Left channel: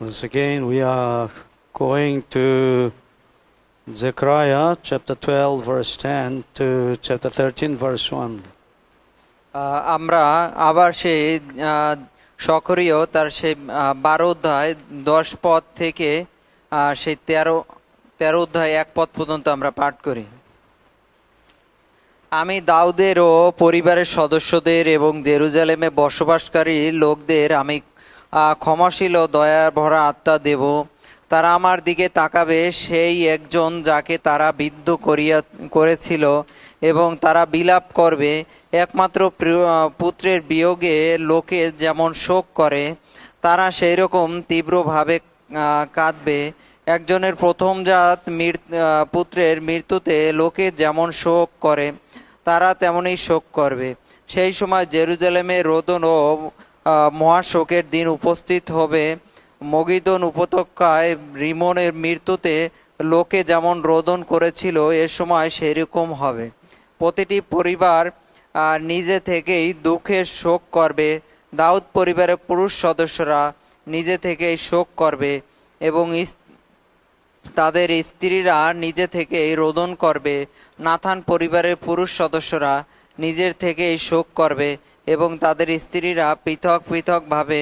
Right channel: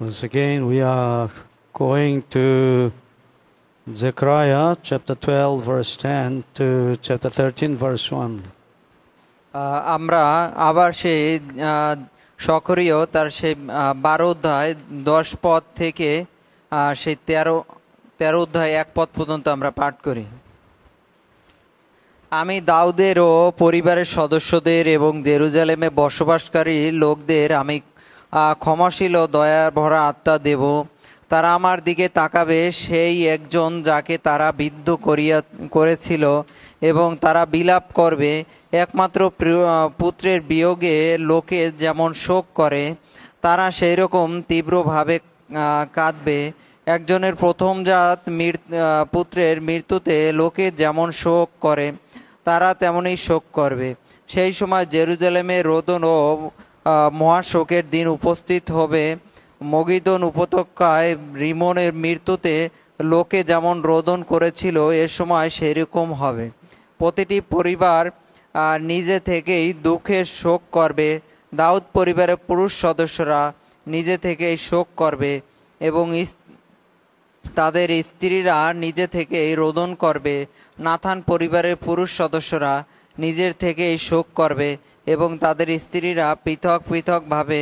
Once again, we are going to Zechariah chapter 12, verse 10 to chapter 13, verse 1. আমরা আবার সেই সকরীয় তার সেই 12 অধ্যায় 10 পদ থেকে সেই 13 অধ্যায় 1 পদ পর্যন্ত আমরা পাঠ করি। আমি দাউদের ও পরিবারের সদস্যদের এবং জেরুজালেমে বসবাসকারী লোকদের আমি ক্ষমাশীল ও দয়া ভরা আত্মা দেব। তারা আমার দিকে তাকাবে, সেই একজন যাকে তারা বিদ্ধ করেছিল, এবং তারা বিলাপ করবে। একমাত্র পুত্রের বিয়োগে লোকে যেমন শোক করে, তারা সেই রকম তীব্রভাবে কাঁদবে। একজনের প্রথমজাত পুত্রের মৃত্যুতে লোকে যেমন শোক করে, তারা তেমনই শোক করবে। সেই সময় জেরুজালেমে রোদন ও মহাশোকের দিন উপস্থিত হবে। মগিদোন উপত্যকায় রিমনের মৃত্যুতে লোকে যেমন রোদন করেছিল, এ সময় সেরকম হবে। প্রতিটি পরিবার নিজে থেকেই দুঃখের শোক করবে। দাউদ পরিবারের পুরুষ সদস্যরা নিজে থেকেই শোক করবে এবং তাদের স্ত্রীরা নিজে থেকেই রোদন করবে। নাথান পরিবারের পুরুষ সদস্যরা নিজের থেকেই শোক করবে এবং তাদের স্ত্রীরা পৃথক পৃথকভাবে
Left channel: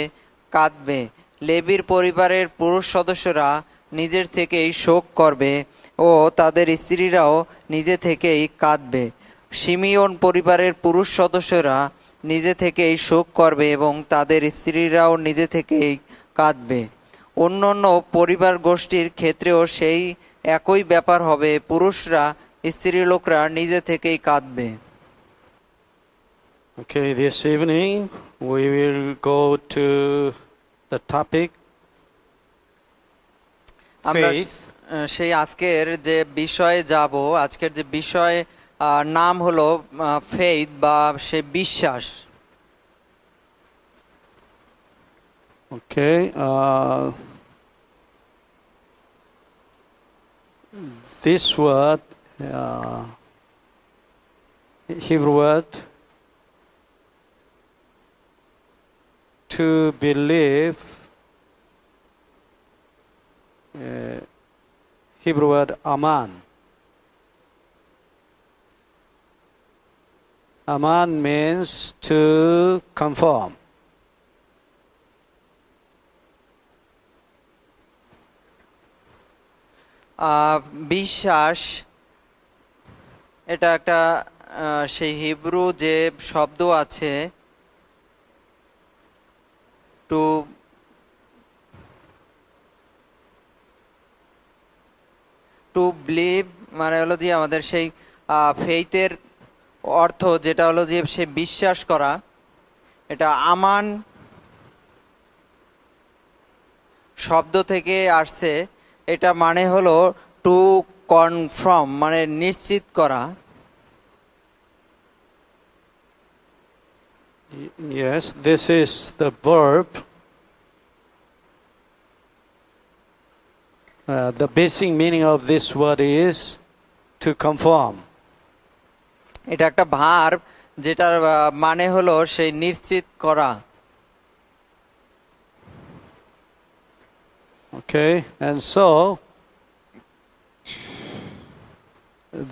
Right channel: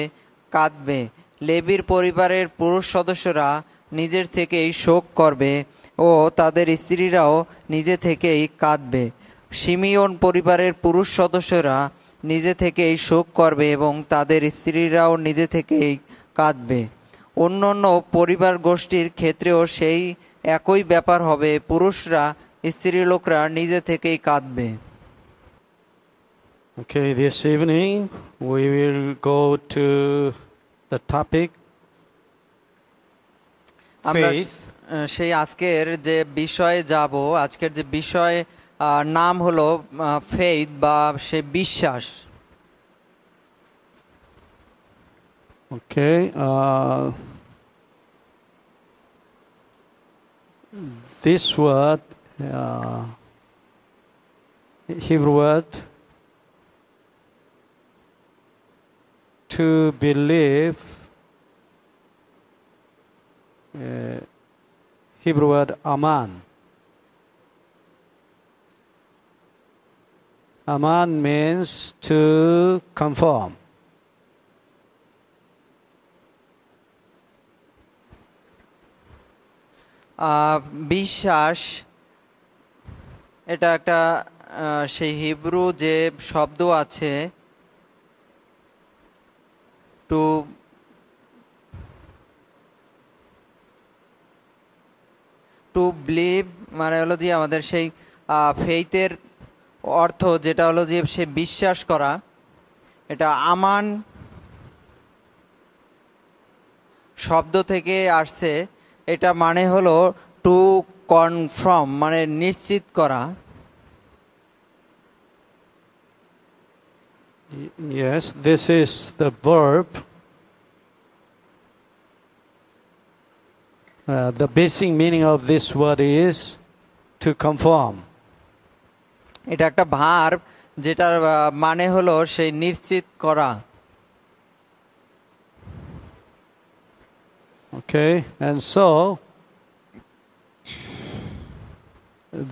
কাঁদবে। লেবীর পরিবারের পুরুষ সদস্যরা নিজের থেকেই শোক করবে ও তাদের স্ত্রীরাও নিজে থেকেই কাঁদবে। শিমিয়ন পরিবারের পুরুষ সদস্যরা নিজে থেকেই শোক করবে এবং তাদের স্ত্রীরাও নিজে থেকেই কাঁদবে। অন্যান্য পরিবার গোষ্ঠীর ক্ষেত্রেও সেই একই ব্যাপার হবে। পুরুষরা স্ত্রীলোকরা নিজে থেকেই কাঁদবে। Okay, this evening we will go to the topic faith. সেই আজকের যে বিষয়ে যাব, আজকের যে বিষয় নাম হলো ফেইথ বা সে বিশ্বাস। Okay, this word, Hebrew word, to believe, Hebrew word aman. Aman means to conform. বিশ্বাস এটা একটা সেই হিব্রু যে শব্দ আছে, টু বিলিভ, মানে হলো যে আমাদের সেই ফেইথের অর্থ যেটা হলো যে সে বিশ্বাস করা। এটা আমান শব্দ থেকে আসছে। এটা মানে হলো টু কনফার্ম, মানে নিশ্চিত করা। Yes, this is the verb. The basic meaning of this word is to conform. এটা একটা ভার্ব যেটার মানে হলো সেই নিশ্চিত করা। Okay, and so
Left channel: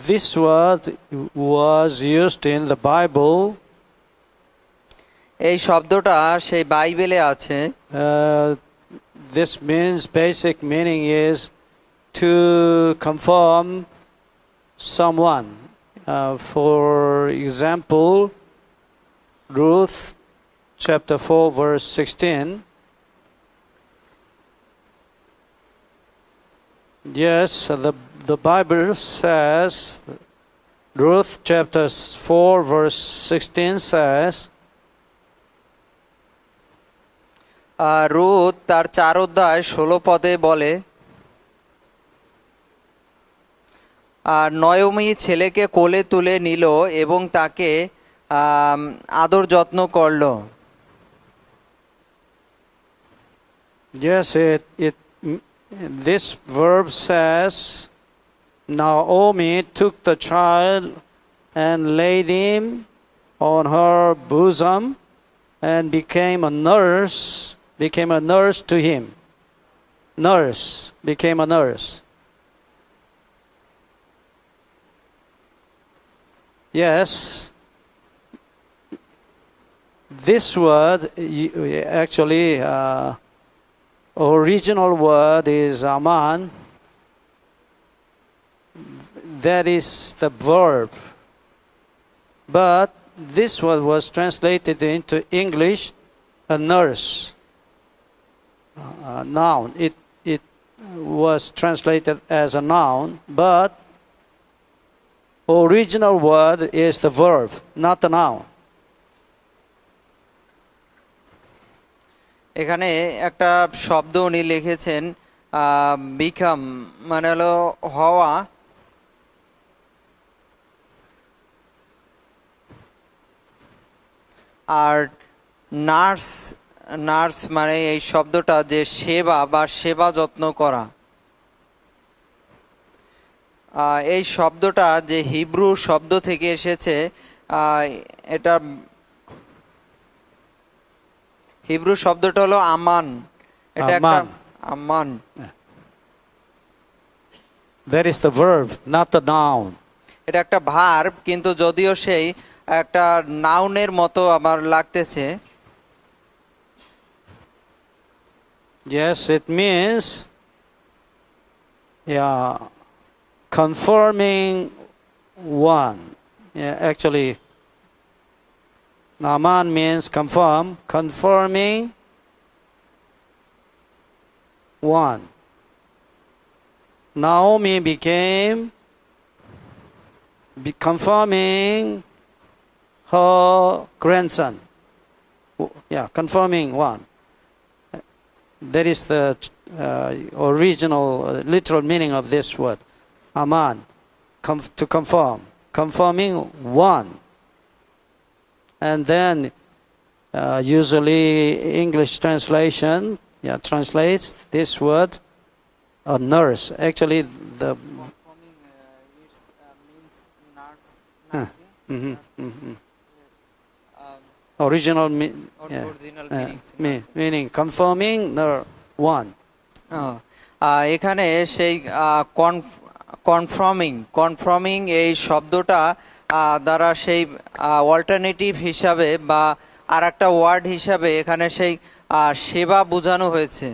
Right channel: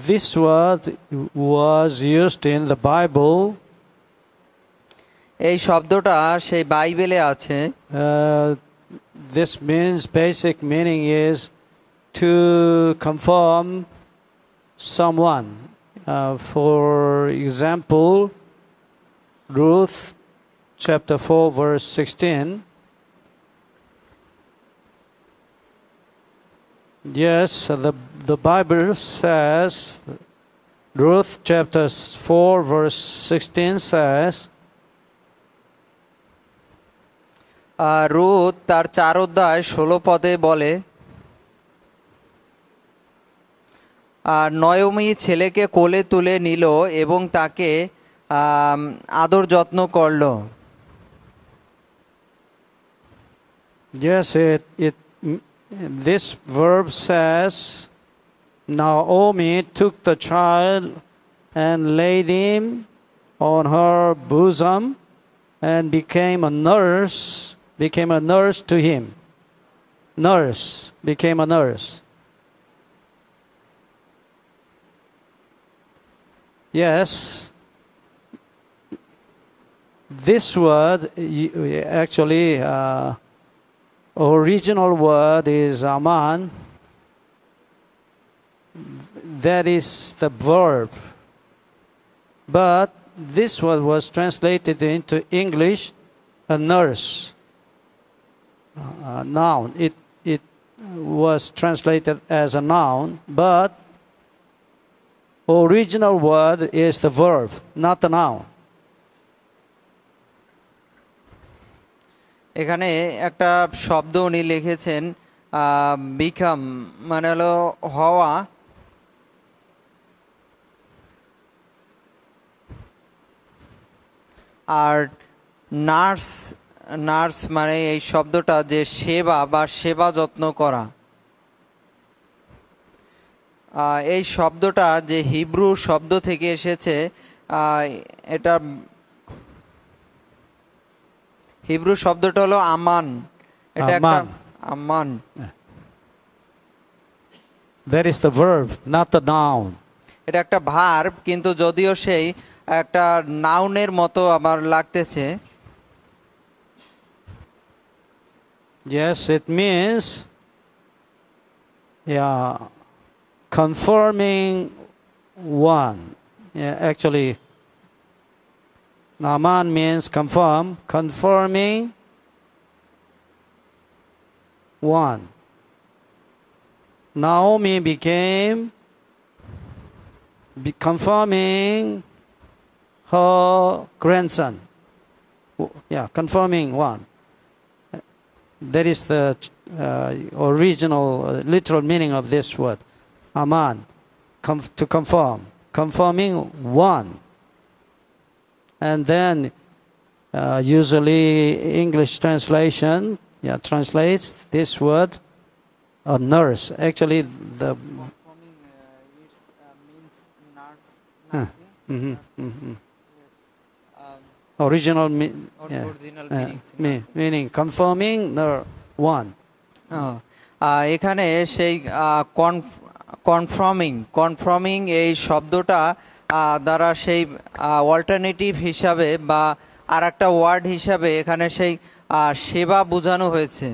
this word was used in the Bible. এই শব্দটা সেই বাইবেলে আছে। This means basic meaning is to conform someone. For example, Ruth chapter 4 verse 16. Yes, the Bible says, Ruth chapter 4 verse 16 says, রুথ তার 4 অধ্যায় 16 পদে বলে, নয়মি ছেলেকে কোলে তুলে নিল এবং তাকে আদর যত্ন করল। Yes, this verb says, Naomi took the child and laid him on her bosom and became a nurse to him. nurse, became a nurse. Yes, this word actually original word is aman. That is the verb. But this word was translated into English, a nurse. Noun. It was translated as a noun, but original word is the verb, not the noun. এখানে একটা শব্দ উনি লিখেছেন become মানে হলো হওয়া, আর nurse nurse মানে এই শব্দটা যে সেবা বা সেবা যত্ন করা। এই শব্দটা যে হিব্রু শব্দ থেকে এসেছে, এটা হিব্রু শব্দটা হলো আমান। এটা একটা আমান। That is the verb, not the noun. এটা একটা ভার্ব, কিন্তু যদিও সেই একটা নাউনের মতো আমার লাগতেছে। Yes, it means confirming one. Actually, aman means confirm, confirming one. Naomi became confirming her grandson. Confirming one. That is the original, literal meaning of this word. Aman, to confirm. Confirming one. And then, usually English translation translates this word a nurse. Actually, the original meaning confirming the one. এখানে সেই কনফার্মিং এই শব্দটা দ্বারা সেই অল্টারনেটিভ হিসাবে বা আর একটা ওয়ার্ড হিসাবে এখানে সেই সেবা বোঝানো হয়েছে।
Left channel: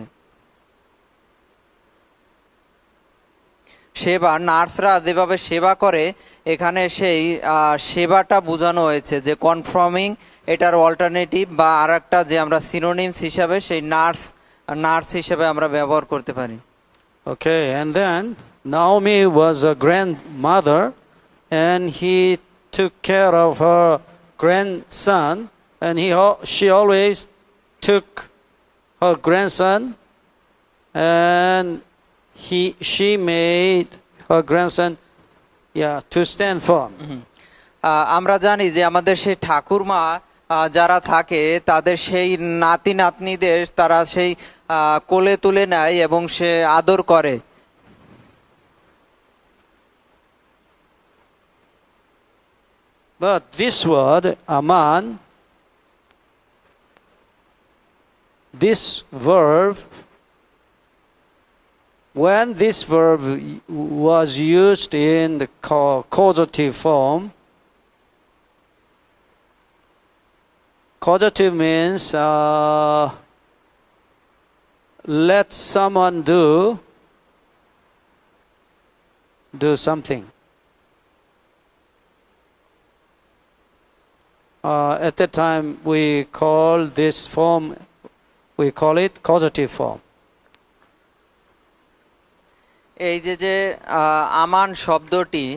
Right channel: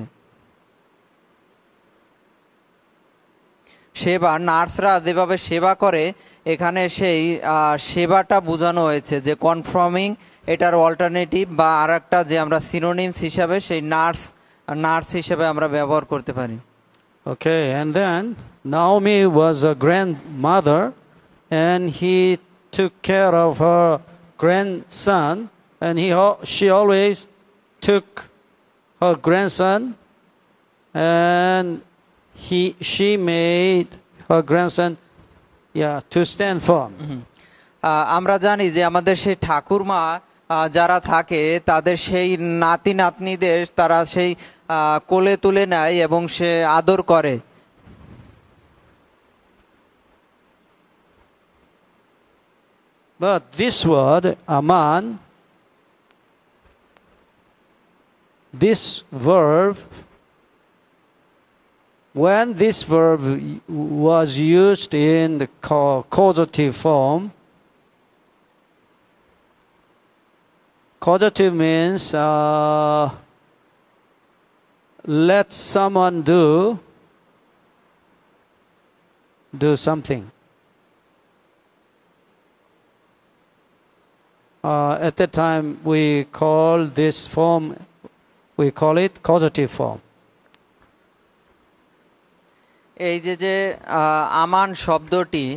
সেবা, নার্সরা যেভাবে সেবা করে এখানে সেই সেবাটা বোঝানো হয়েছে, যে কনফার্মিং এটার অল্টারনেটিভ বা আর একটা যে আমরা সিনোনিমস হিসাবে সেই নার্স হিসাবে আমরা ব্যবহার করতে পারি। Okay, and then Naomi was a grandmother and he took care of her grandson, and she always took her grandson, and she made her grandson to stand firm. আমরা জানি যে আমাদের সেই ঠাকুরমা যারা থাকে তাদের সেই নাতি নাতনিদের তারা সেই কোলে তুলে নেয় এবং সে আদর করে। But this word aman, this verb, when this verb was used in the causative form, causative means let someone do something. At that time we call this form, we call it causative form. এই যে আমান শব্দটি,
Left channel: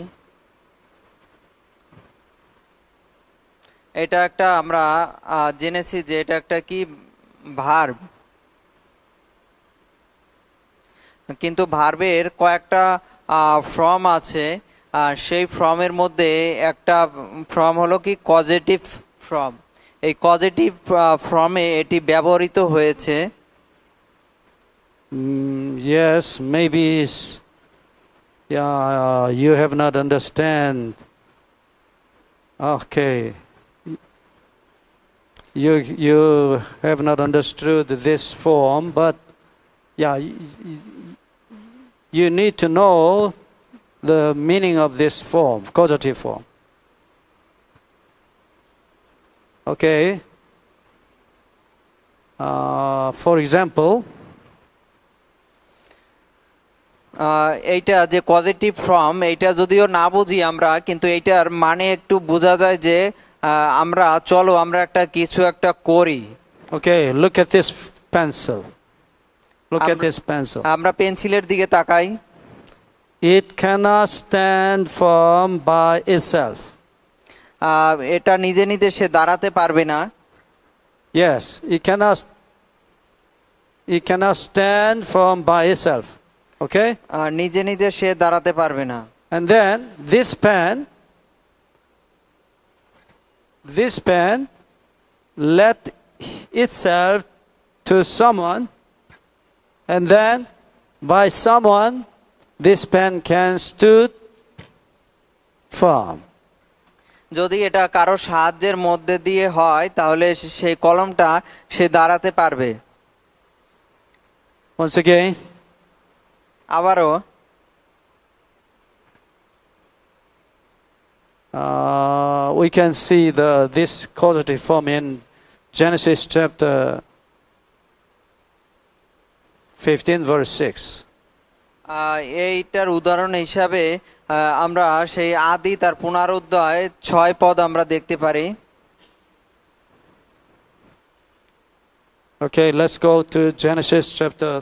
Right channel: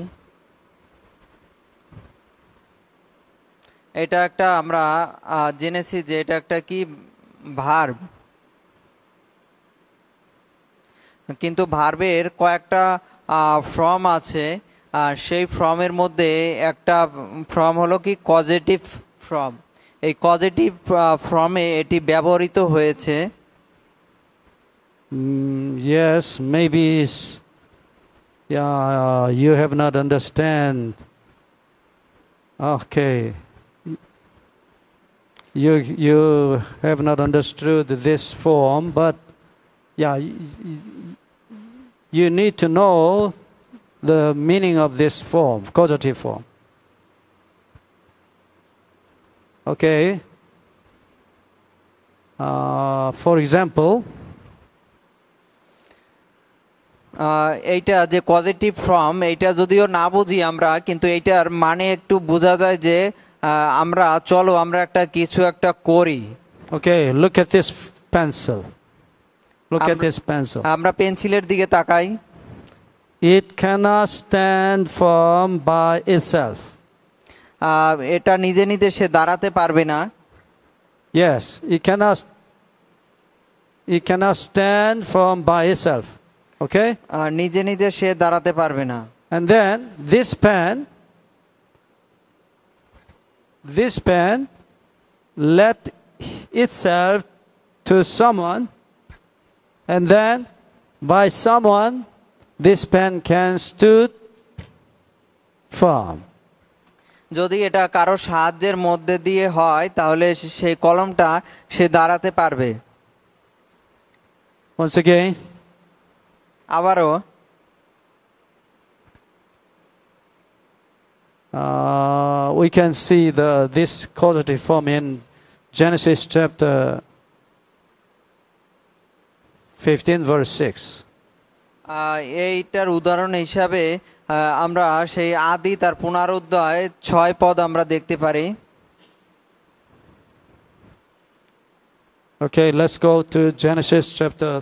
এটা একটা আমরা জেনেছি যে এটা একটা কি ভার্ব, কিন্তু ভার্বের কয়েকটা ফর্ম আছে। সেই ফর্মের মধ্যে একটা ফর্ম হলো কি কজেটিভ ফর্ম। এই কজেটিভ ফর্মে এটি ব্যবহৃত হয়েছে। Yes, maybe you have not understand. Okay, you have not understood this form, but yeah, you need to know the meaning of this form, causative form. Okay. For example, এইটা যে positive form, এইটা যদিও না বুঝি আমরা, কিন্তু এইটার মানে একটু বোঝা যায় যে আমরা চলো আমরা একটা কিছু একটা করি। okay, look at this pencil. Look at this pencil. আমরা পেন্সিলের দিকে তাকাই। It cannot stand firm by itself. এটা নিজে নিজে সে দাঁড়াতে পারবে না। Yes, it cannot stand firm by itself. Okay? নিজে নিজে সে দাঁড়াতে পারবে না। And then this pen let itself to someone, and then by someone this pen can stood firm. যদি এটা কারো সাহায্যের মধ্যে দিয়ে হয় তাহলে সেই কলমটা সে দাঁড়াতে পারবে। Once again, আবারও we can see this causative form in Genesis chapter 15 verse 6. এইটার উদাহরণ হিসাবে আমরা সেই আদি তার পুনরুদ্ধায় 6 পদ আমরা দেখতে পারি। Okay, let's go to Genesis chapter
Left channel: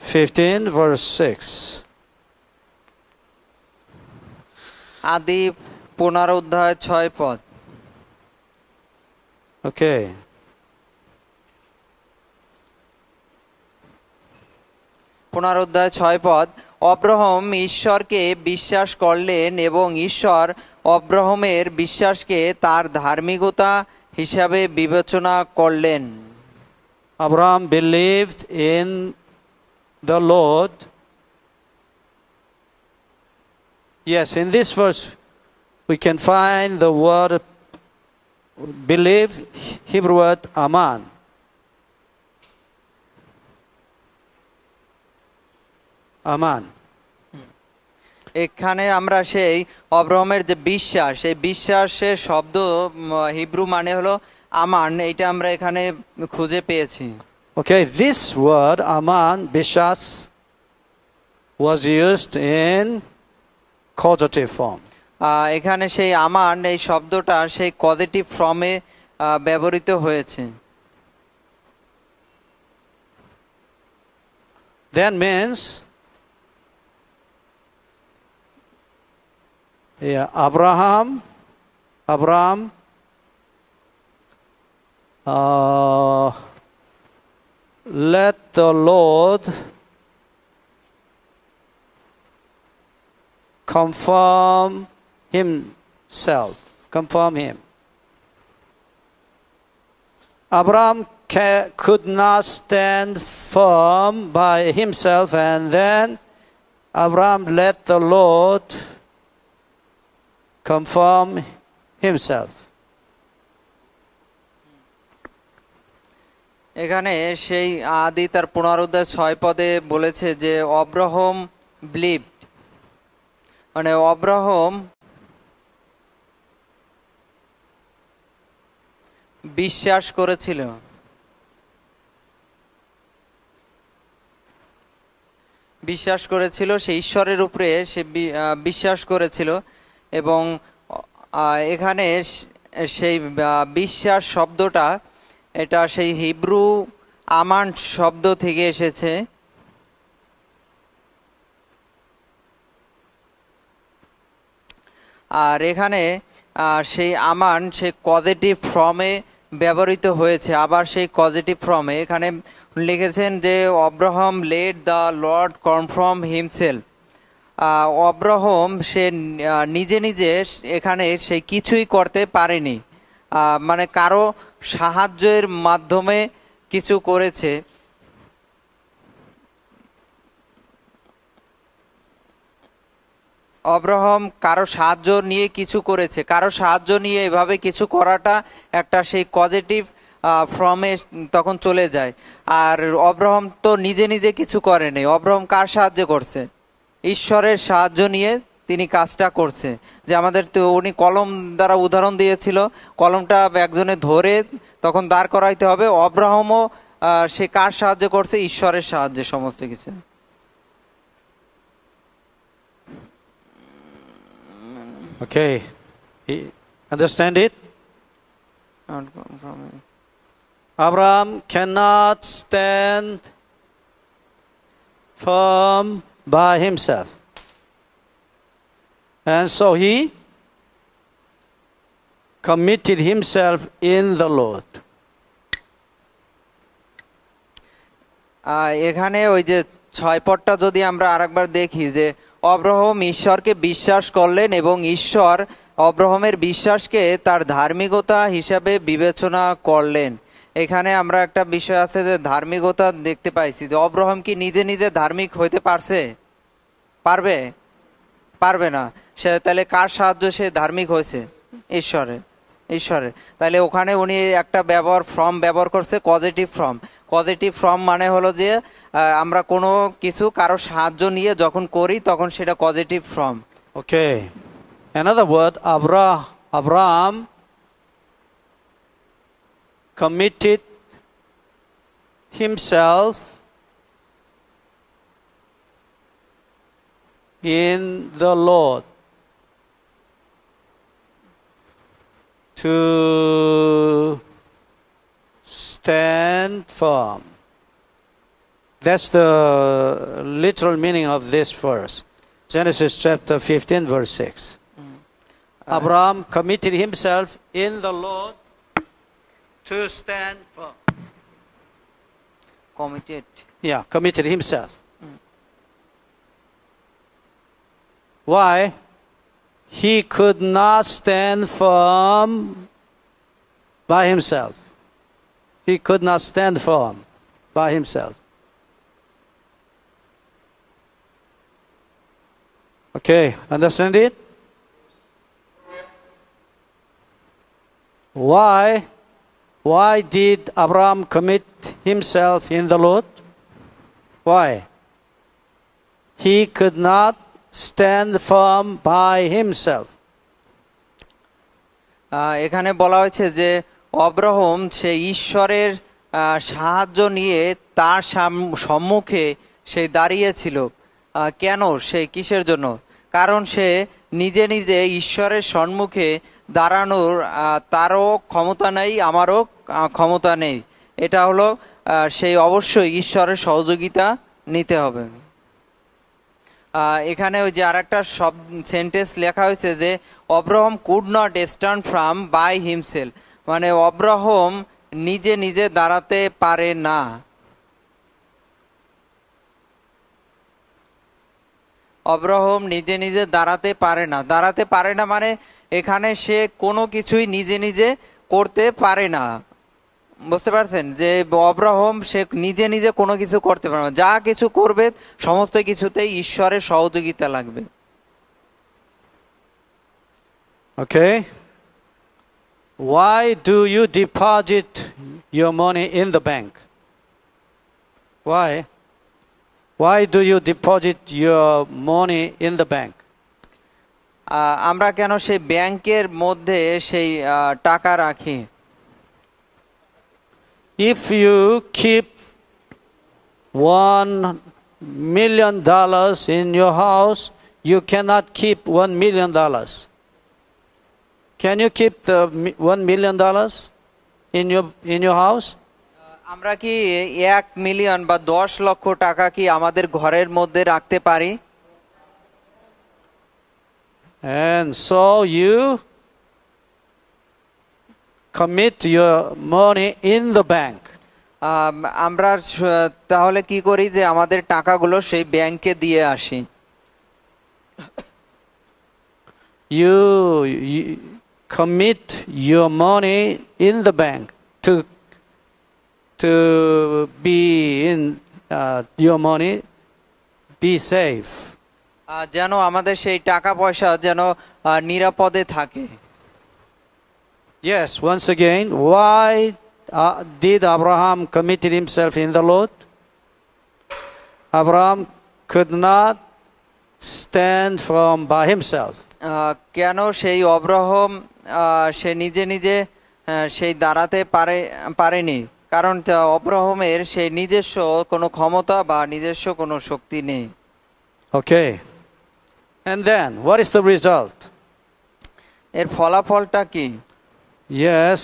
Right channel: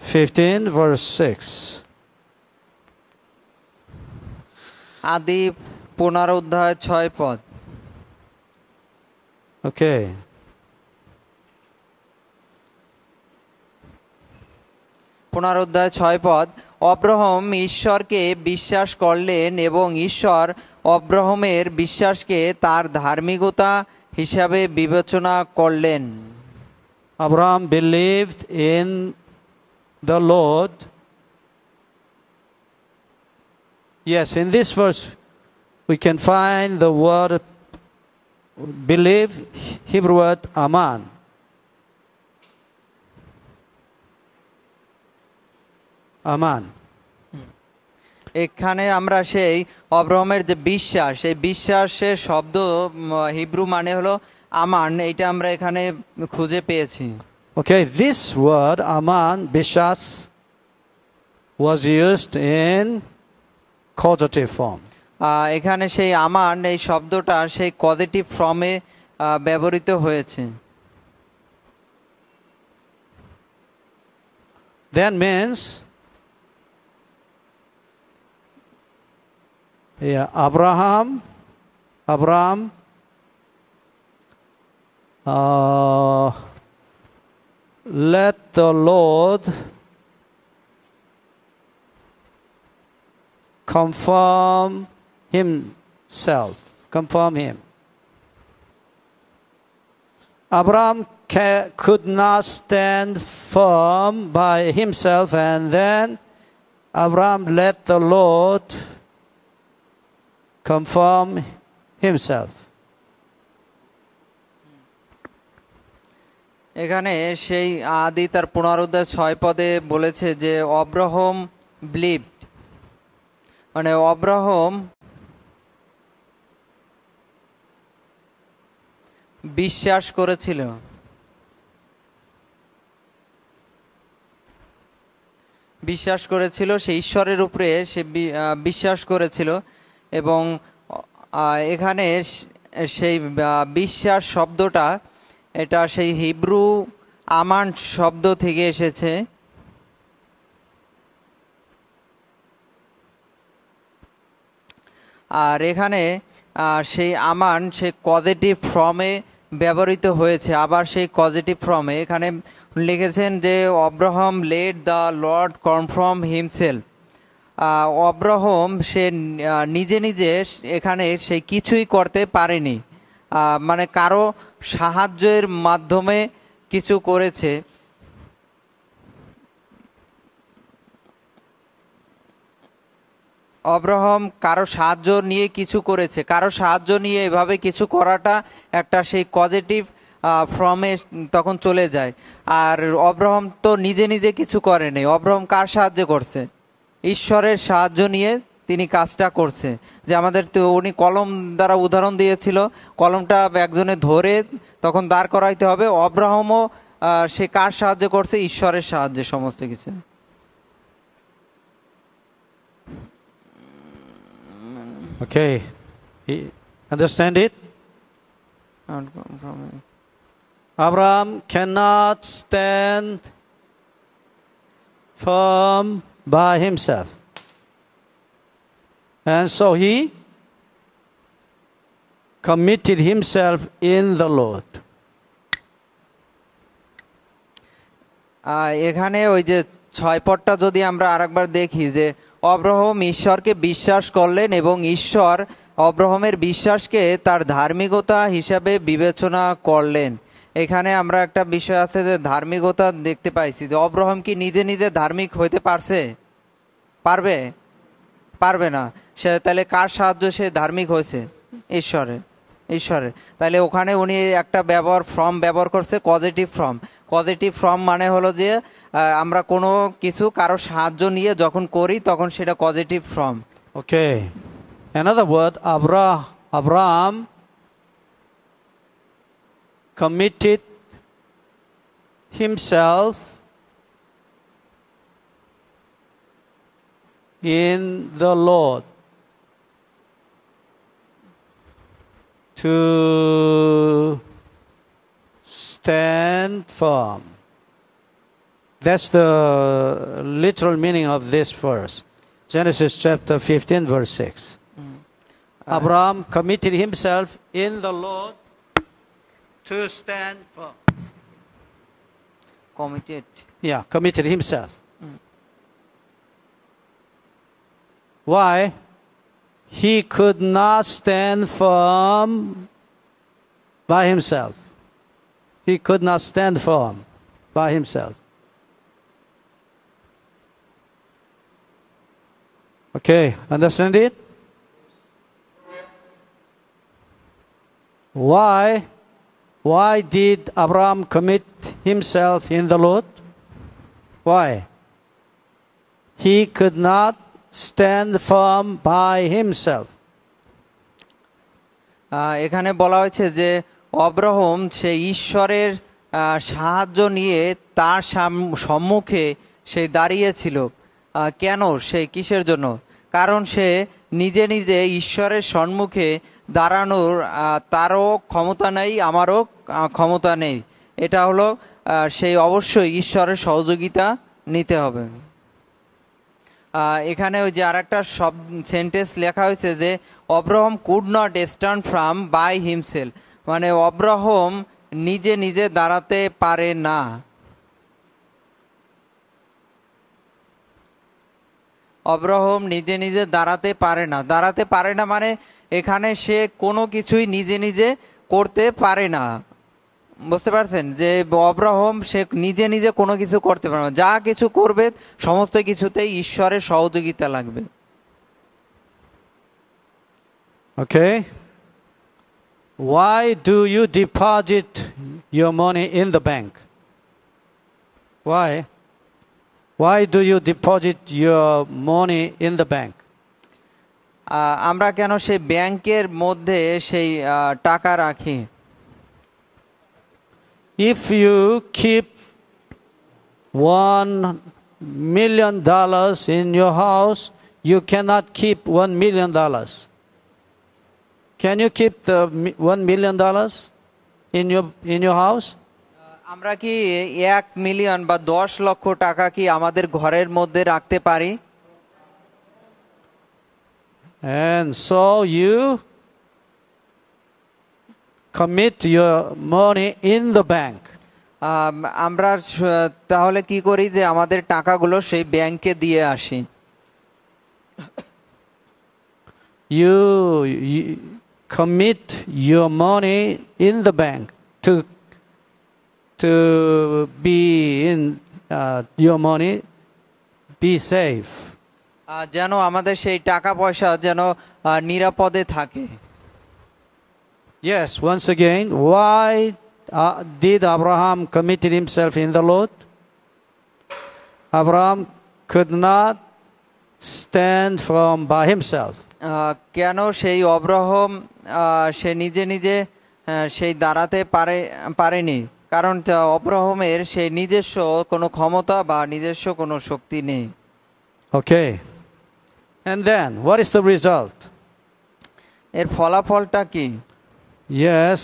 15 verse 6. আদি পুনরুদ্ধায় 6 পদ। Okay. পুনরুদ্ধায় 6 পদ। অব্রাহাম ঈশ্বরকে বিশ্বাস করলেন এবং ঈশ্বর অব্রাহামের বিশ্বাসকে তার ধার্মিকতা হিসাবে বিবেচনা করলেন। Abraham believed in the Lord. Yes, in this verse we can find the word believe, Hebrew word aman. Aman. এখানে আমরা সেই অব্রাহামের যে বিশ্বাস, এই বিশ্বাসের শব্দ হিব্রু মানে হলো আমান, এইটা আমরা এখানে খুঁজে পেয়েছি। Okay, this word aman, bishas, was used in causative form. এখানে সেই আমান এই শব্দটা সেই কজেটিভ ফর্মে ব্যবহৃত হয়েছে। That means Abraham let the Lord confirm him. Abraham could not stand firm by himself, and then Abraham let the Lord confirm himself. এখানে সেই আদি তার পুনরুদ্ধায় 6 পদে বলেছে যে অব্রাহাম বিলিভড, মানে অব্রাহাম বিশ্বাস করেছিল। সে ঈশ্বরের উপরে সে বিশ্বাস করেছিল এবং এখানে সেই বিশ্বাস শব্দটা এটা সেই হিব্রু আমান শব্দ থেকে এসেছে। আর এখানে সেই আমান সেই পজিটিভ ফর্মে ব্যবহৃত হয়েছে। আবার সেই পজিটিভ ফর্মে এখানে লিখেছেন যে Abraham let the lord confirm himself. Abraham সে নিজে নিজে এখানে সে কিছুই করতে পারেনি, মানে কারো সাহায্যের মাধ্যমে কিছু করেছে। অব্রাহাম কারো সাহায্য নিয়ে কিছু করেছে, কারো সাহায্য নিয়ে এভাবে কিছু করাটা একটা সেই পজিটিভ ফ্রমে তখন চলে যায়। আর অব্রাহাম তো নিজে নিজে কিছু করেনি, অব্রাহাম কার সাহায্য করছে? ঈশ্বরের সাহায্য নিয়ে তিনি কাজটা করছে। যে আমাদের তো উনি কলম দ্বারা উদাহরণ দিয়েছিল, কলমটা একজনে ধরে তখন দাঁড় করাইতে হবে। অব্রাহামও সে কার সাহায্য করছে? ঈশ্বরের সাহায্যে সমস্ত কিছু। Okay, understand it? Abraham cannot stand firm by himself, and so he committed himself in the Lord. এখানে ওই যে 6 পদটা যদি আমরা আরেকবার দেখি, যে অব্রাহাম ঈশ্বরকে বিশ্বাস করলেন এবং ঈশ্বর অব্রাহামের বিশ্বাসকে তার ধার্মিকতা হিসাবে বিবেচনা করলেন। এখানে আমরা একটা বিষয় আছে যে ধার্মিকতা দেখতে পাইছি, যে অব্রাহাম কি নিজে নিজে ধার্মিক হইতে পারছে? পারবে? পারবে না। সে তাহলে কার সাহায্য সে ধার্মিক হয়েছে? ঈশ্বরের। তাহলে ওখানে উনি একটা ফর্ম ব্যবহার করছে, পজিটিভ ফর্ম। পজিটিভ ফর্ম মানে হলো যে আমরা কোনো কিছু কারো সাহায্য নিয়ে যখন করি তখন সেটা positive form. Okay, another word, Abraham committed himself in the Lord to stand firm. That's the literal meaning of this verse. Genesis chapter 15 verse 6. Abraham committed himself in the Lord to stand firm. Committed himself. Why? He could not stand firm by himself. He could not stand firm by himself. Okay, understand it? Why did Abraham commit himself in the Lord? Why? He could not stand firm by himself. এখানে বলা হয়েছে যে অব্রাহাম সে ঈশ্বরের সাহায্য নিয়ে তার সম্মুখে সে দাঁড়িয়েছিল। কেন? সে কিসের জন্য? কারণ সে নিজে নিজে ঈশ্বরের সম্মুখে দাঁড়ানোর তারও ক্ষমতা নেই, আমারও ক্ষমতা নেই। এটা হলো সেই অবশ্যই ঈশ্বরের সহযোগিতা নিতে হবে। এখানে ওই যে আরেকটা সেন্টেন্স লেখা হয়েছে যে Abraham could not stand from by himself, মানে অব্রাহাম নিজে নিজে দাঁড়াতে পারে না। অব্রাহাম নিজে নিজে দাঁড়াতে পারে না মানে এখানে সে কোনো কিছুই নিজে নিজে করতে পারে না। বুঝতে পারছেন? যে অব্রাহাম সে নিজে নিজে কোনো কিছু করতে পারে না, যা কিছু করবে সমস্ত কিছুতেই ঈশ্বরের সহযোগিতা লাগবে। Okay. Why do you deposit your money in the bank? Why do you deposit your money in the bank? আমরা কেন সেই ব্যাংকের মধ্যে সেই টাকা রাখি? If you keep $1 million in your house, you cannot keep $1 million. Can you keep the $1 million in your house? আমরা কি 1 মিলিয়ন বা 10 লক্ষ টাকা কি আমাদের ঘরের মধ্যে রাখতে পারি? And so you commit your money in the bank. আমরা তাহলে কি করি যে আমাদের টাকাগুলো সেই ব্যাংকে দিয়ে আসি। You commit your money in the bank to be in your money be safe. যেন আমাদের সেই টাকা পয়সা যেন নিরাপদে থাকে। Yes, once again, why did Abraham committed himself in the Lord? Abraham could not stand firm by himself. কেন সেই অব্রাহাম সে নিজে নিজে সেই দাঁড়াতে পারেনি? কারণ অব্রাহামের সেই নিজস্ব কোনো ক্ষমতা বা নিজস্ব কোনো শক্তি নেই। Okay. And then, what is the result? এর ফলাফলটা কি? Yes,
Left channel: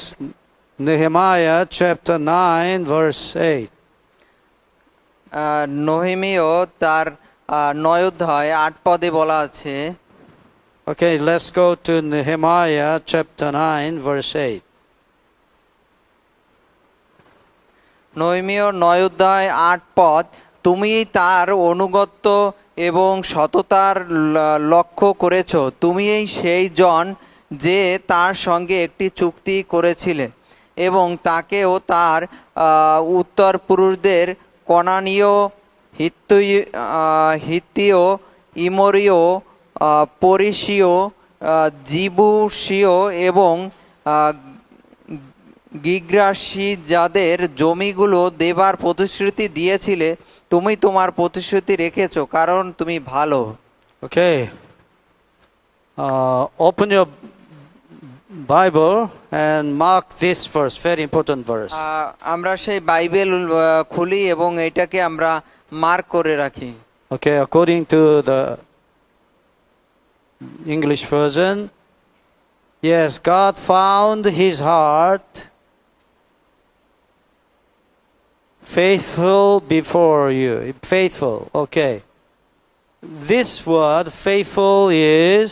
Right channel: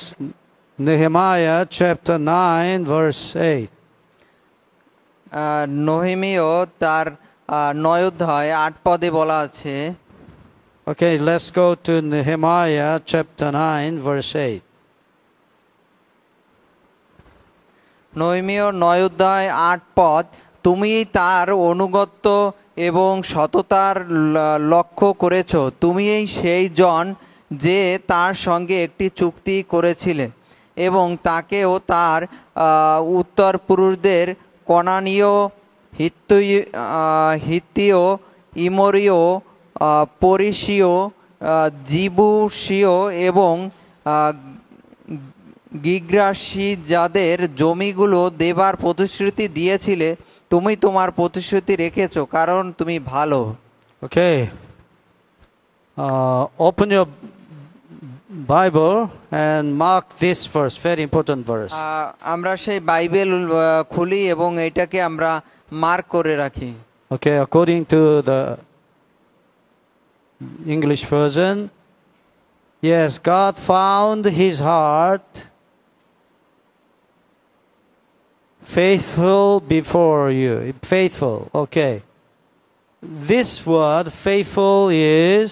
Nehemiah chapter 9 verse 8. নহেমীয় তার 9 অধ্যায় 8 পদে বলা আছে। Okay, let's go to Nehemiah chapter 9 verse 8. নহেমীয় 9 অধ্যায় 8 পদ, তুমি তার অনুগত্য এবং সততার লক্ষ্য করেছ। তুমি সেই জন যে তার সঙ্গে একটি চুক্তি করেছিলে এবং তাকেও তার উত্তর পুরুষদের কনানীয়, হিত্তীয়, ইমরীয়, পরিসীয়, জিবুসীয় এবং গির্গাসী যাদের জমিগুলো দেবার প্রতিশ্রুতি দিয়েছিলে, তুমি তোমার প্রতিশ্রুতি রেখেছো, কারণ তুমি ভালো। Okay. Open your Bible and mark this verse, very important verse. আমরা সেই বাইবেল খুলি এবং এটাকে আমরা মার্ক করে রাখি। Okay, according to the English version, yes, God found his heart faithful before you. Faithful, okay. This word, faithful, is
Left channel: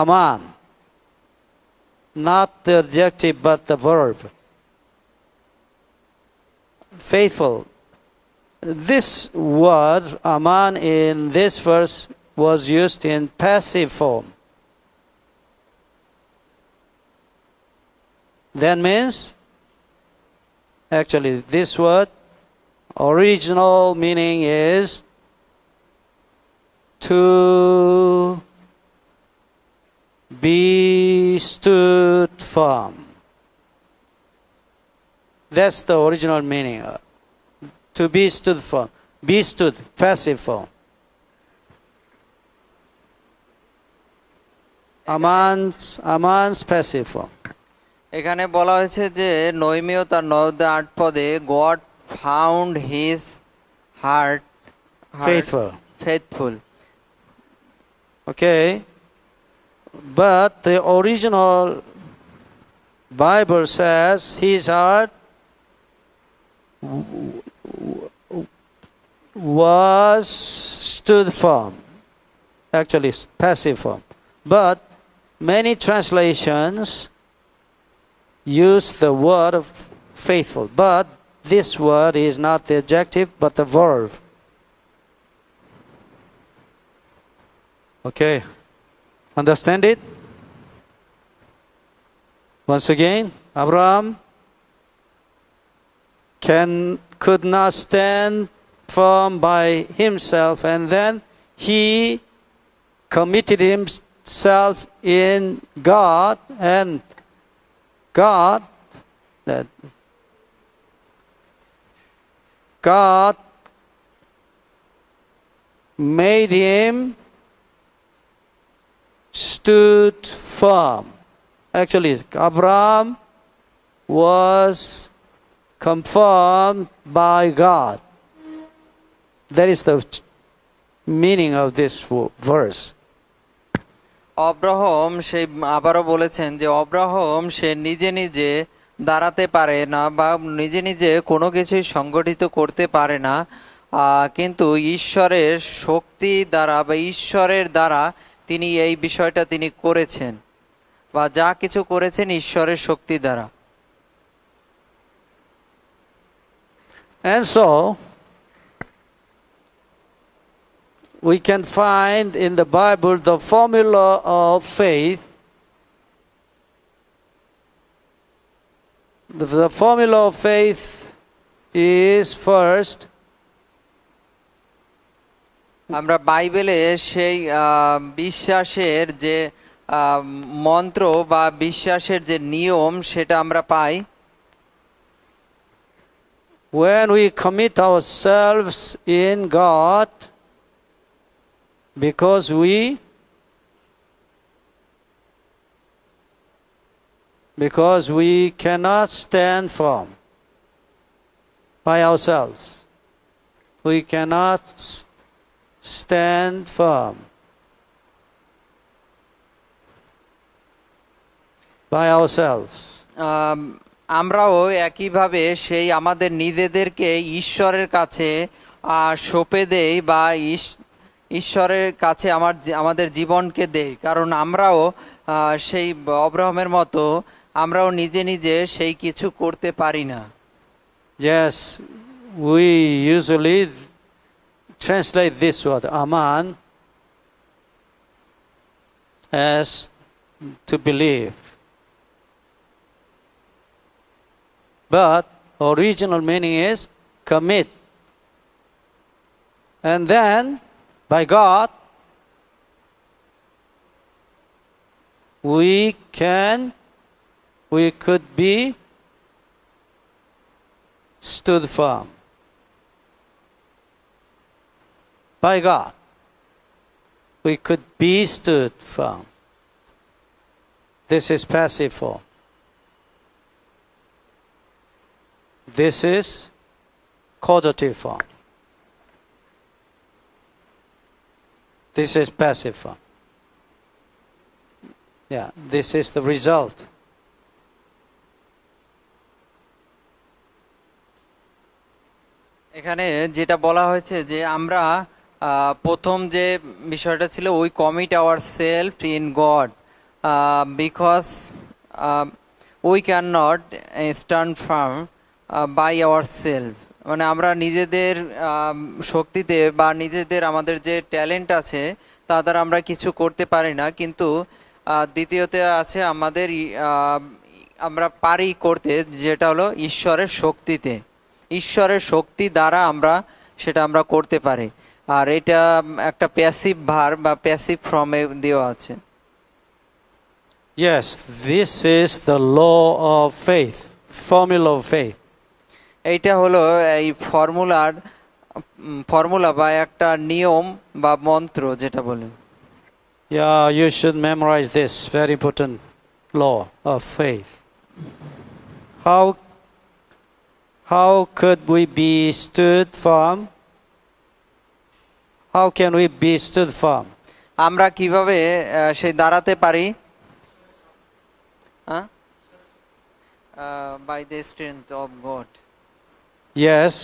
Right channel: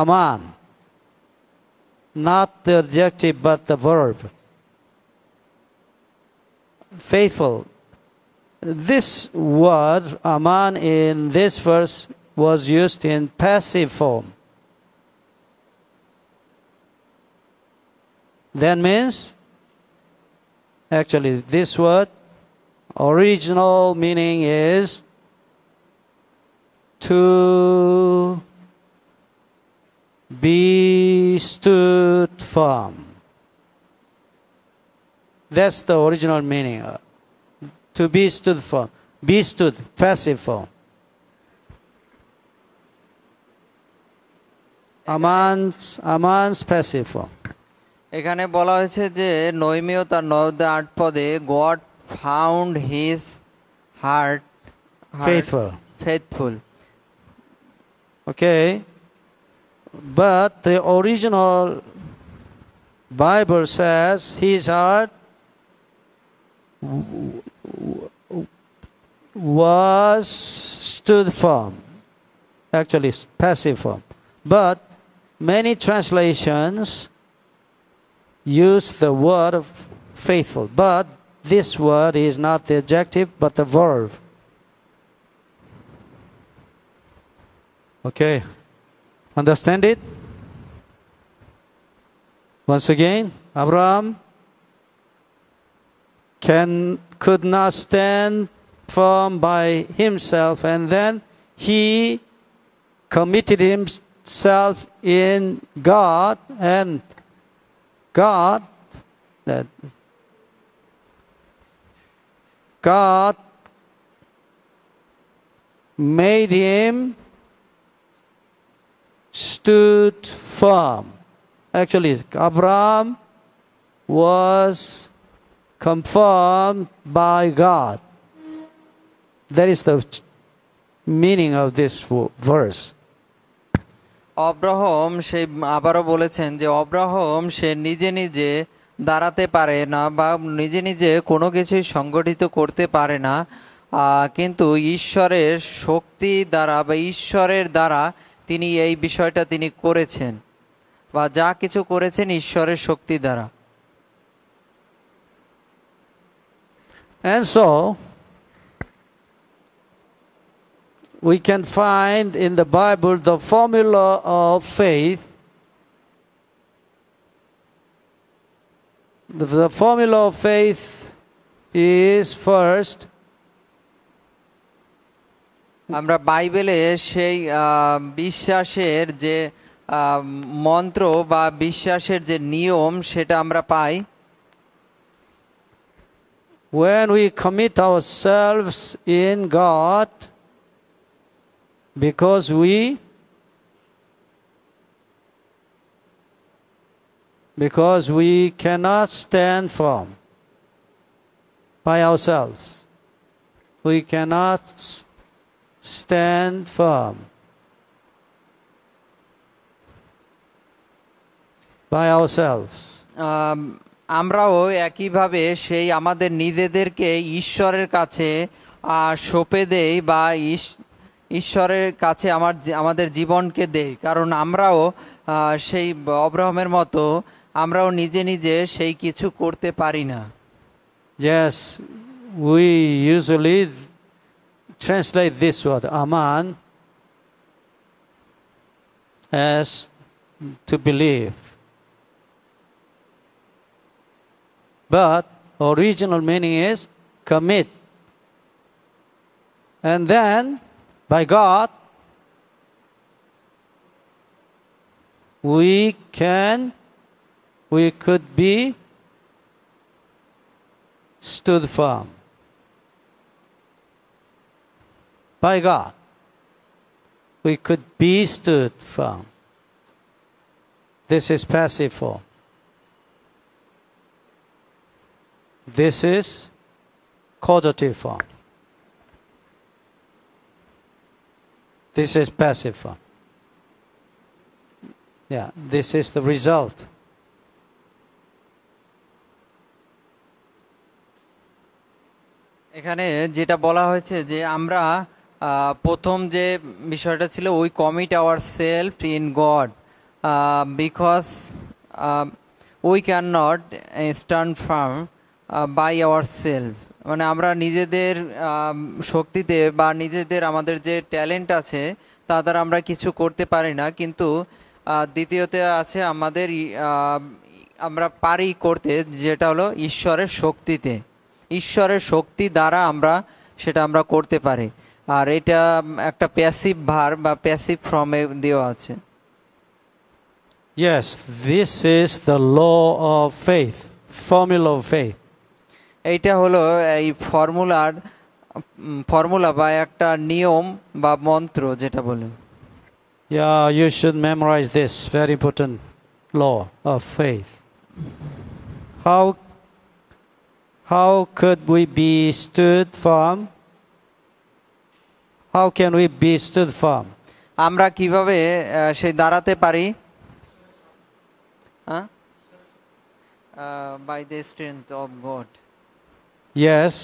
aman. Not the adjective, but the verb. Faithful. This word, aman, in this verse was used in passive form. That means, actually, this word, original meaning is to be stood firm. That's the original meaning. To be stood firm. Be stood, passive form. Aman's passive form. এখানে বলা হয়েছে যে নহেমীয় তার 9 অধ্যায় 8 পদে, God found his heart faithful. Okay. But the original Bible says his heart was stood firm. Actually, passive form. But many translations use the word of faithful. But this word is not the adjective, but the verb. Okay. Understand it? Once again, Abraham could not stand firm by himself, and then he committed himself in God, and God made him stood firm. Actually, Abraham was confirmed by God. That is the meaning of this verse. Abraham সেই আবারও বলেছেন যে অব্রাহাম সে নিজে নিজে দাঁড়াতে পারে না বা নিজে নিজে কোনো কিছুই সংগঠিত করতে পারে না, কিন্তু ঈশ্বরের শক্তি দ্বারা বা ঈশ্বরের দ্বারা তিনি এই বিষয়টা তিনি করেছেন, বা যা কিছু করেছেন ঈশ্বরের শক্তি দ্বারা। And so we can find in the Bible the formula of faith. The formula of faith is first, আমরা বাইবেলে সেই বিশ্বাসের যে মন্ত্র বা বিশ্বাসের যে নিয়ম সেটা আমরা পাই। when we commit ourselves in God, because we cannot stand firm by ourselves. We cannot stand firm by ourselves. আমরাও একইভাবে সেই আমাদের নিজেদেরকে ঈশ্বরের কাছে সঁপে দেই বা ঈশ্বরের কাছে আমাদের জীবনকে দেই, কারণ আমরাও সেই অব্রাহামের মতো আমরাও নিজে নিজে সেই কিছু করতে পারি না। Yes, we usually translate this word aman as to believe, but original meaning is commit, and then by God we could be stood firm. By God we could be stood firm. This is passive form. This is causative form. This is passive form. Yeah, this is the result. এখানে যেটা বলা হয়েছে যে আমরা প্রথম যে বিষয়টা ছিল we commit our self in God because we can not stand firm by our self, মানে আমরা নিজেদের শক্তিতে বা নিজেদের আমাদের যে ট্যালেন্ট আছে তা দ্বারা আমরা কিছু করতে পারি না, কিন্তু দ্বিতীয়তে আছে আমাদের আমরা পারি করতে, যেটা হলো ঈশ্বরের শক্তিতে, ঈশ্বরের শক্তি দ্বারা সেটা আমরা করতে পারি। আর এটা একটা প্যাসিভ ভার্ব বা প্যাসিভ ফর্মে দেওয়া আছে। Yes, this is the law of faith, formula of faith. এইটা হলো এই ফর্মুলা বা একটা নিয়ম বা মন্ত্র যেটা বলে। Yeah, you should memorize this very important law of faith. How could we be stood firm? How can we be stood firm? আমরা কিভাবে সেই দাঁড়াতে পারি? By the strength of God. Yes,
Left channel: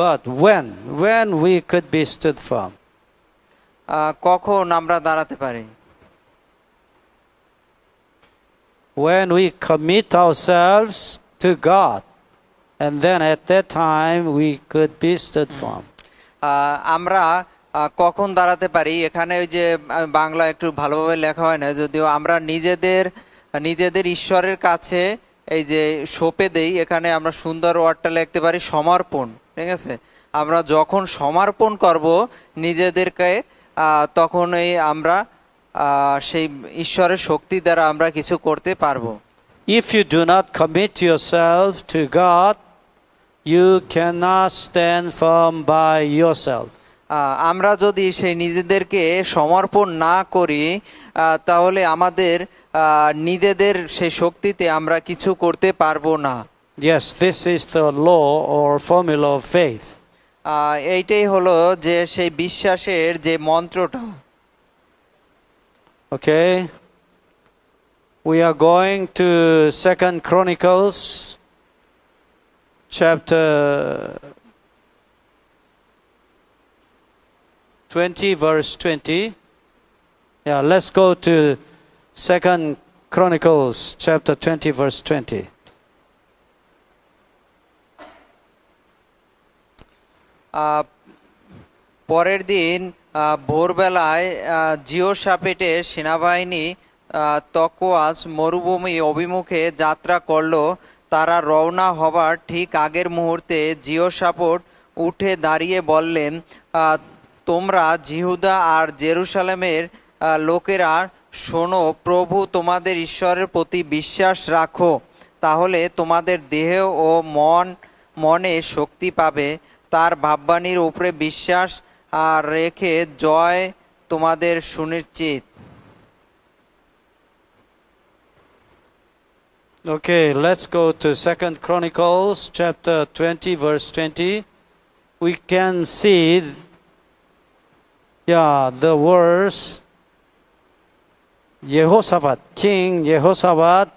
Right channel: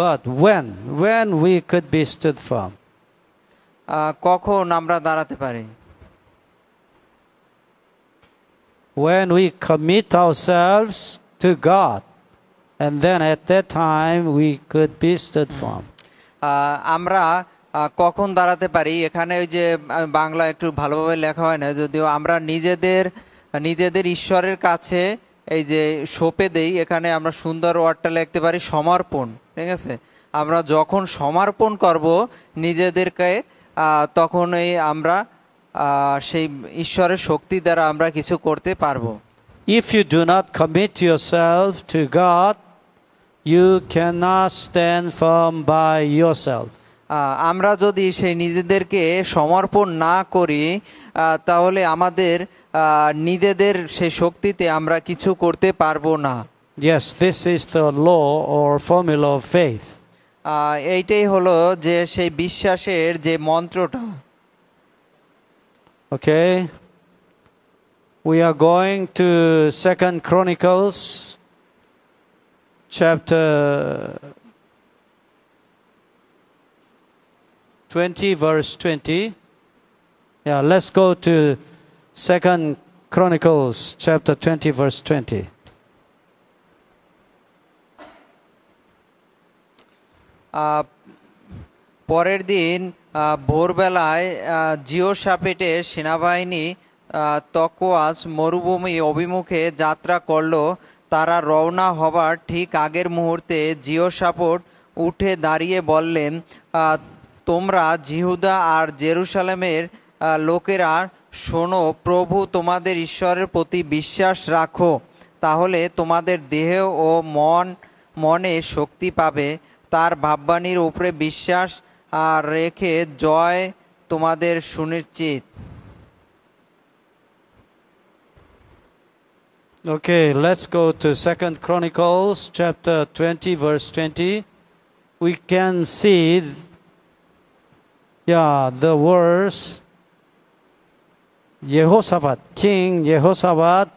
but when we could be stood firm? কখন আমরা দাঁড়াতে পারি? When we commit ourselves to God, and then at that time we could be stood firm. আমরা কখন দাঁড়াতে পারি, এখানে ওই যে বাংলা একটু ভালোভাবে লেখা হয় না, যদিও আমরা নিজেদের ঈশ্বরের কাছে এই যে সঁপে দেই, এখানে আমরা সুন্দর ওয়ার্ডটা লিখতে পারি সমর্পণ। ঠিক আছে, আমরা যখন সমর্পণ করব নিজেদেরকে তখনই আমরা সেই ঈশ্বরের শক্তি দ্বারা আমরা কিছু করতে পারবো। If you do not commit yourself to God, you cannot stand firm by yourself. আমরা যদি সেই নিজেদেরকে সমর্পণ না করি তাহলে আমাদের নিজেদের সেই শক্তিতে আমরা কিছু করতে পারবো না। Yes, this is the law or formula of faith. এইটাই হলো যে সেই বিশ্বাসের যে মন্ত্রটা। Okay, we are going to 2 Chronicles chapter 20 verse 20. Yeah, let's go to 2 Chronicles chapter 20 verse 20. পরের দিন ভোরবেলায় জিওশাপেটের সেনাবাহিনী তকোয়াস মরুভূমি অভিমুখে যাত্রা করল। তারা রওনা হবার ঠিক আগের মুহূর্তে জিওশাপট উঠে দাঁড়িয়ে বললেন, তোমরা জিহুদা আর জেরুসালেমের লোকেরা শোনো, প্রভু তোমাদের ঈশ্বরের প্রতি বিশ্বাস রাখো, তাহলে তোমাদের দেহ ও মনে শক্তি পাবে। তার ভাববাণীর উপরে বিশ্বাস রেখে জয় তোমাদের সুনিশ্চিত। Okay, let's go to 2 Chronicles chapter 20 verse 20. We can see the verse Jehoshaphat, King Jehoshaphat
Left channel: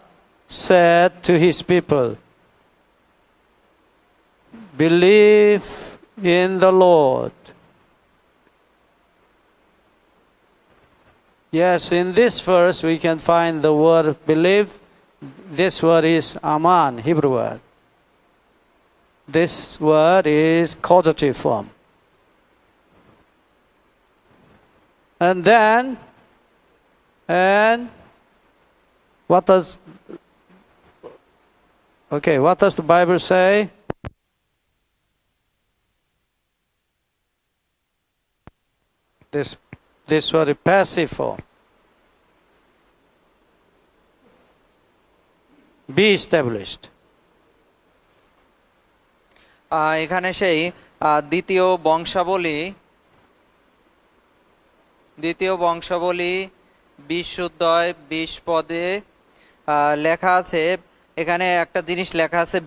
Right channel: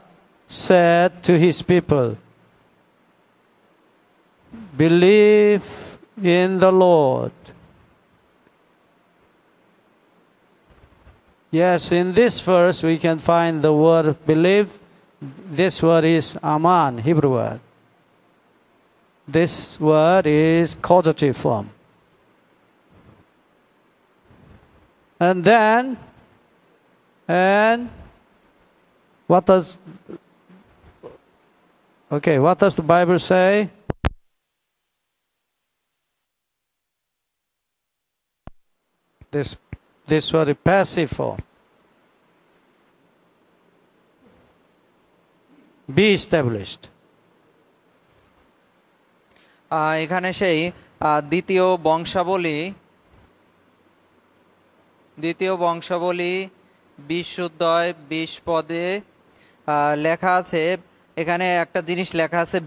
said to his people, believe in the Lord. Yes, in this verse we can find the word believe. This word is aman, Hebrew word. This word is causative form. And what does the Bible say? This word is passive form. Be established. এখানে সেই দ্বিতীয় বংশাবলী 20 পদে লেখা আছে। এখানে একটা জিনিস লেখা আছে,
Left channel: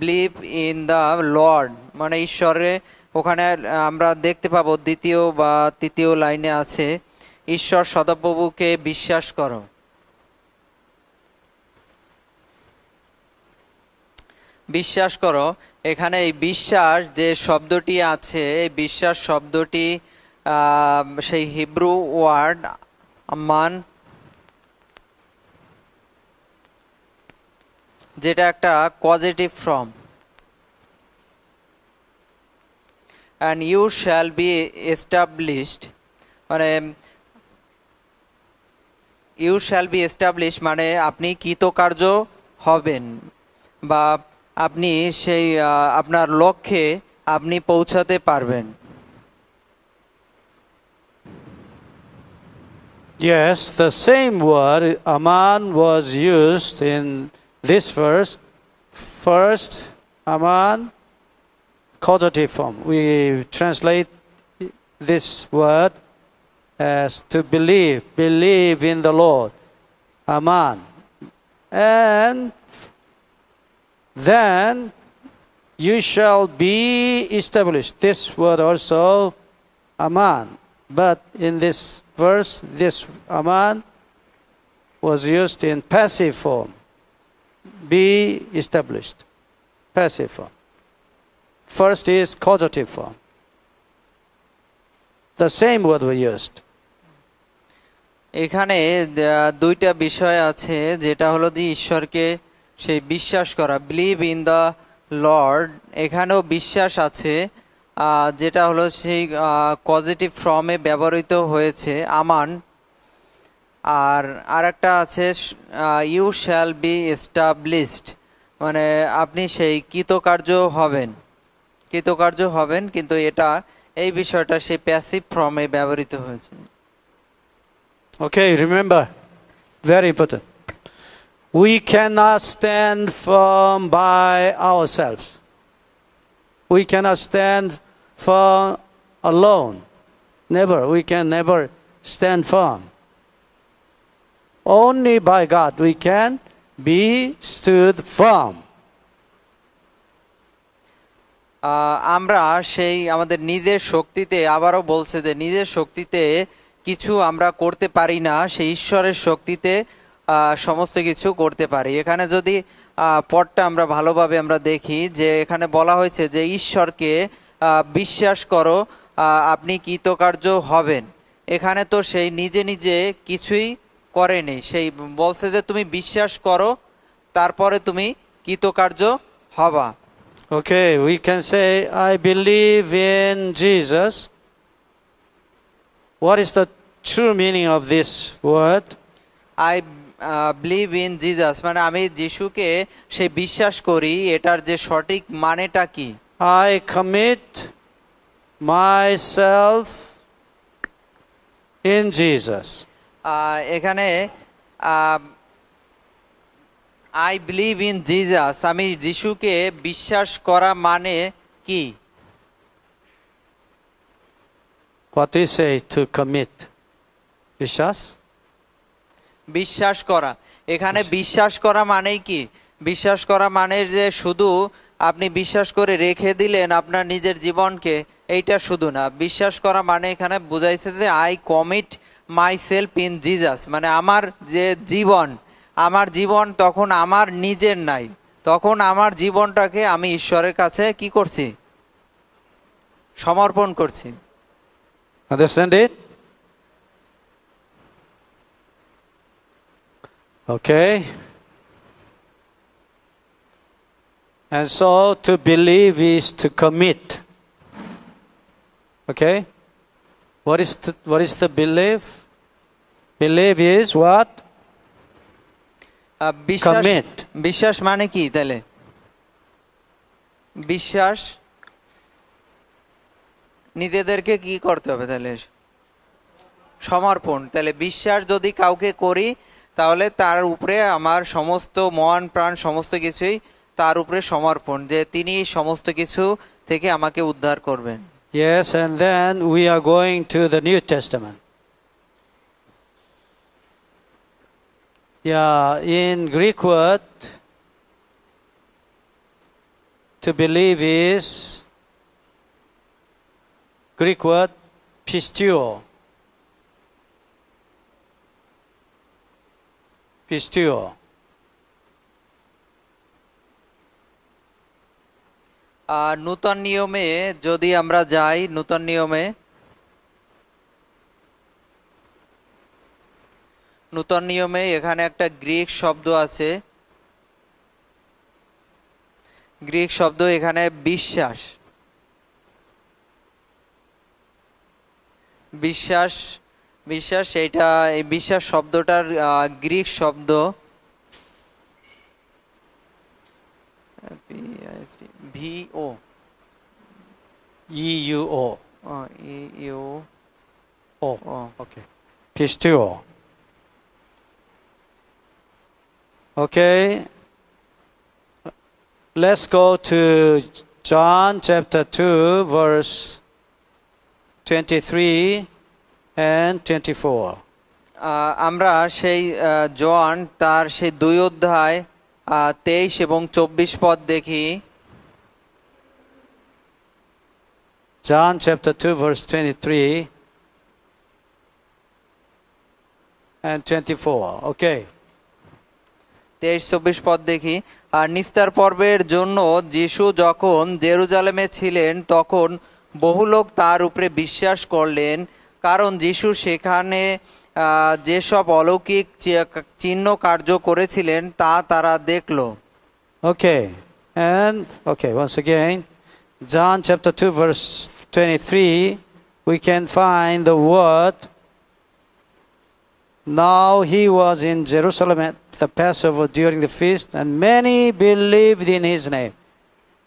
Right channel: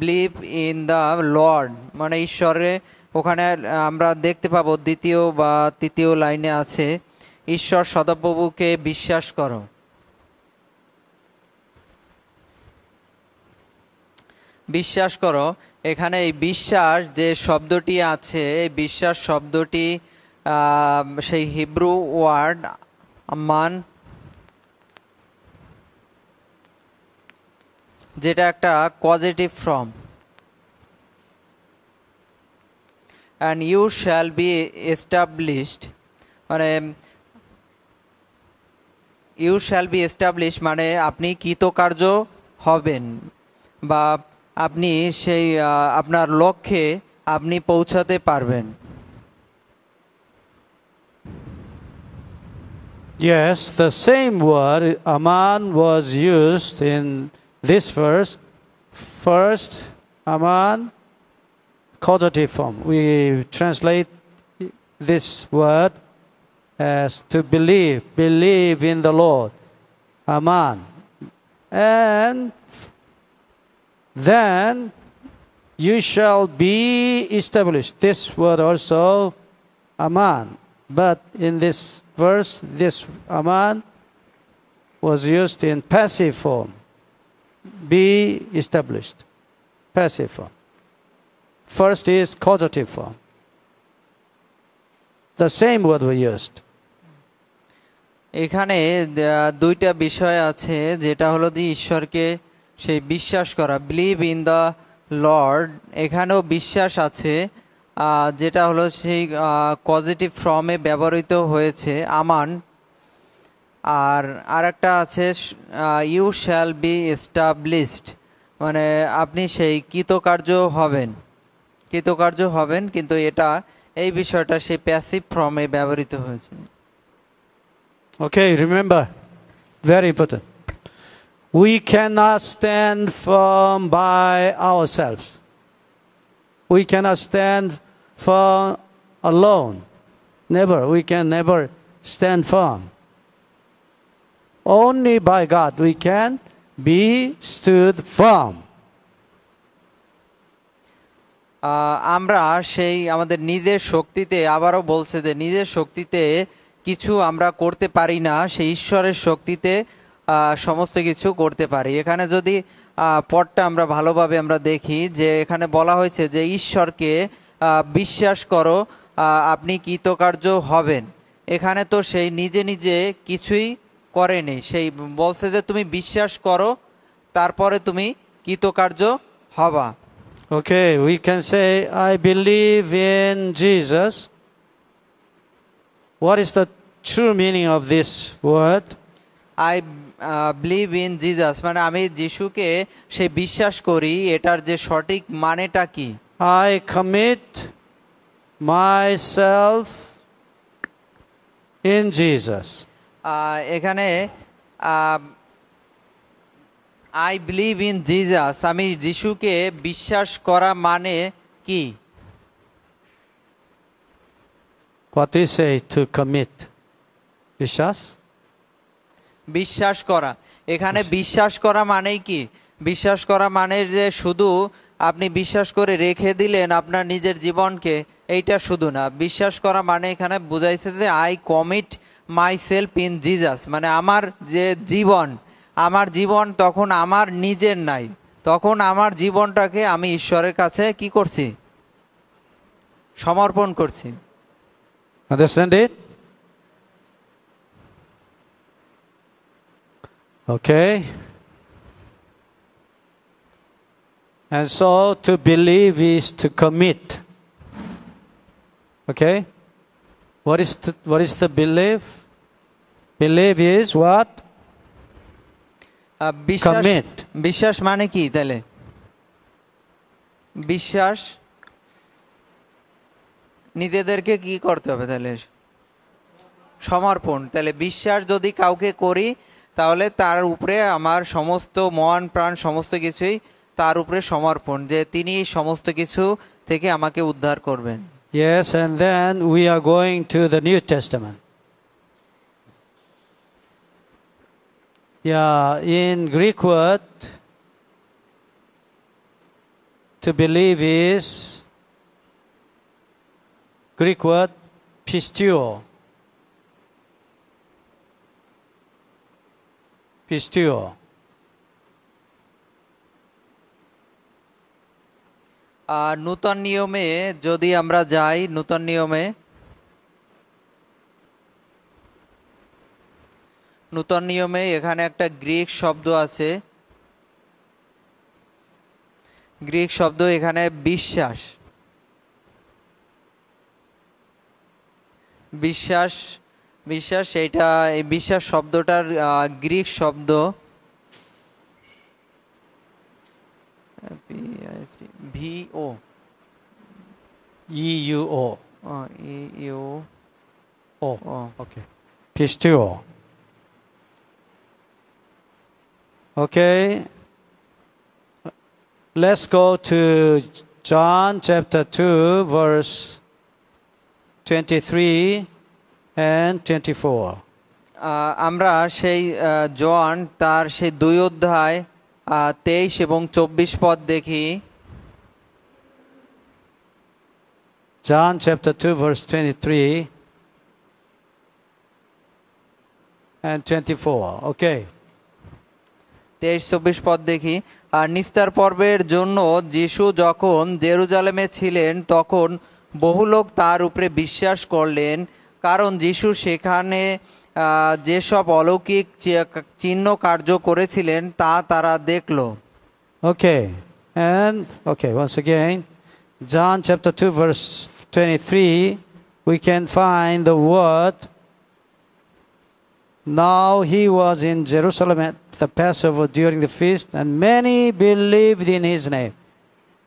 বিলিভ ইন দ্য লর্ড, মানে ঈশ্বরে। ওখানে আমরা দেখতে পাবো দ্বিতীয় বা তৃতীয় লাইনে আছে, ঈশ্বর সদাপ্রভুকে বিশ্বাস করো। বিশ্বাস করো। এখানে এই বিশ্বাস যে শব্দটি আছে, এই বিশ্বাস শব্দটি সেই হিব্রু ওয়ার্ড আমান, যেটা একটা causative form. and you shall be established, মানে you shall be established মানে আপনি কৃতকার্য হবেন, বা আপনি সেই আপনার লক্ষ্যে আপনি পৌঁছাতে পারবেন। Yes, the same word aman was used in this verse. First, aman, causative form. We translate this word as to believe in the Lord, aman. And then you shall be established. This word also aman, but in this verse, this aman was used in passive form. Be established, passive form. First is causative form. The same word we used. এখানে দুইটা বিষয় আছে, যেটা হলো যে ঈশ্বরকে সেই বিশ্বাস করা, বিলিভ ইন দ্য লর্ড। এখানেও বিশ্বাস আছে, যেটা হলো সেই পজিটিভ ফর্মে ব্যবহৃত হয়েছে আমান। আর আরেকটা আছে ইউ শ্যাল বি এস্টাবলিশড, মানে আপনি সেই কৃতকার্য হবেন, কিন্তু এটা এই বিষয়টা সেই প্যাসিভ ফর্মে ব্যবহৃত হয়েছে। Okay, remember, very important. We cannot stand firm by ourselves. We cannot stand firm alone. Never. We can never stand firm. Only by God we can be stood firm. আমরা সেই আমাদের নিজের শক্তিতে, আবারও বলছে যে নিজের শক্তিতে কিছু আমরা করতে পারি না, সেই ঈশ্বরের শক্তিতে সমস্ত কিছু করতে পারি। এখানে যদি পদটা আমরা ভালোভাবে আমরা দেখি, যে এখানে বলা হয়েছে যে ঈশ্বরকে বিশ্বাস করো, আপনি কৃতকার্য হবেন। এখানে তো সেই নিজে নিজে কিছুই করেনি, সেই বলছে যে তুমি বিশ্বাস করো, তারপরে তুমি কৃতকার্য হবা। Okay, we can say, I believe in Jesus. What is the true meaning of this word? I believe in Jesus, মানে আমি যিশুকে সে বিশ্বাস করি, এটার যে সঠিক মানেটা কি? I commit myself in Jesus. এখানে আই বিলিভ ইন জিজাস, আমি যিশুকে বিশ্বাস করা মানে কি? What do you say to commit? বিশ্বাস? বিশ্বাস করা, এখানে বিশ্বাস করা মানেই কি? বিশ্বাস করা মানে যে শুধু আপনি বিশ্বাস করে রেখে দিলেন আপনার নিজের জীবনকে, এইটা শুধু না। বিশ্বাস করা মানে এখানে বুঝাইছে যে I commit my self in Jesus, মানে আমার যে জীবন, আমার জীবন তখন আমার নিজের নাই, তখন আমার জীবনটাকে আমি ঈশ্বরের কাছে কি করছি? সমর্পণ করছি। Understand it? Okay. And so to believe is to commit. Okay? What is the belief? Believe is what? বিশ্বাস, Commit. বিশ্বাস মানে কি তাহলে? বিশ্বাস নিজেদেরকে কি করতে হবে তাহলে? সমর্পণ। তাহলে বিশ্বাস যদি কাউকে করি তাহলে তার উপরে আমার সমস্ত মন প্রাণ সমস্ত কিছুই তার উপরে সমর্পণ, যে তিনি সমস্ত কিছু থেকে আমাকে উদ্ধার করবেন। Yes, and then we are going to the New Testament. Yeah, in Greek word, to believe is Greek word pistio. Pistio. নূতন নিয়মে যদি আমরা যাই, নূতন নিয়মে এখানে একটা গ্রিক শব্দ আছে, গ্রিক শব্দ এখানে বিশ্বাস। বিশ্বাস, বিশ্বাস এইটা, এই বিশ্বাস শব্দটার গ্রিক শব্দ ভিও E-U-O. U Oh, okay. Pistio. Okay. Let's go to John chapter 2, verse 23 and 24. আমরা সেই জন তার সেই 2 অধ্যায় 23 এবং 24 পদ দেখি। John chapter 2, verse 23 and 24. Okay. 23-24 পদ দেখি। আর নিস্তার পর্বের জন্য যিশু যখন জেরুজালেমে ছিলেন তখন বহু লোক তার উপরে বিশ্বাস করলেন, কারণ যিশু সেখানে যেসব অলৌকিক চিহ্ন কার্য করেছিলেন তা তারা দেখল। Okay. And, okay, once again, John chapter 2, verse 23, we can find the word, now he was in Jerusalem at the Passover during the feast, and many believed in his name.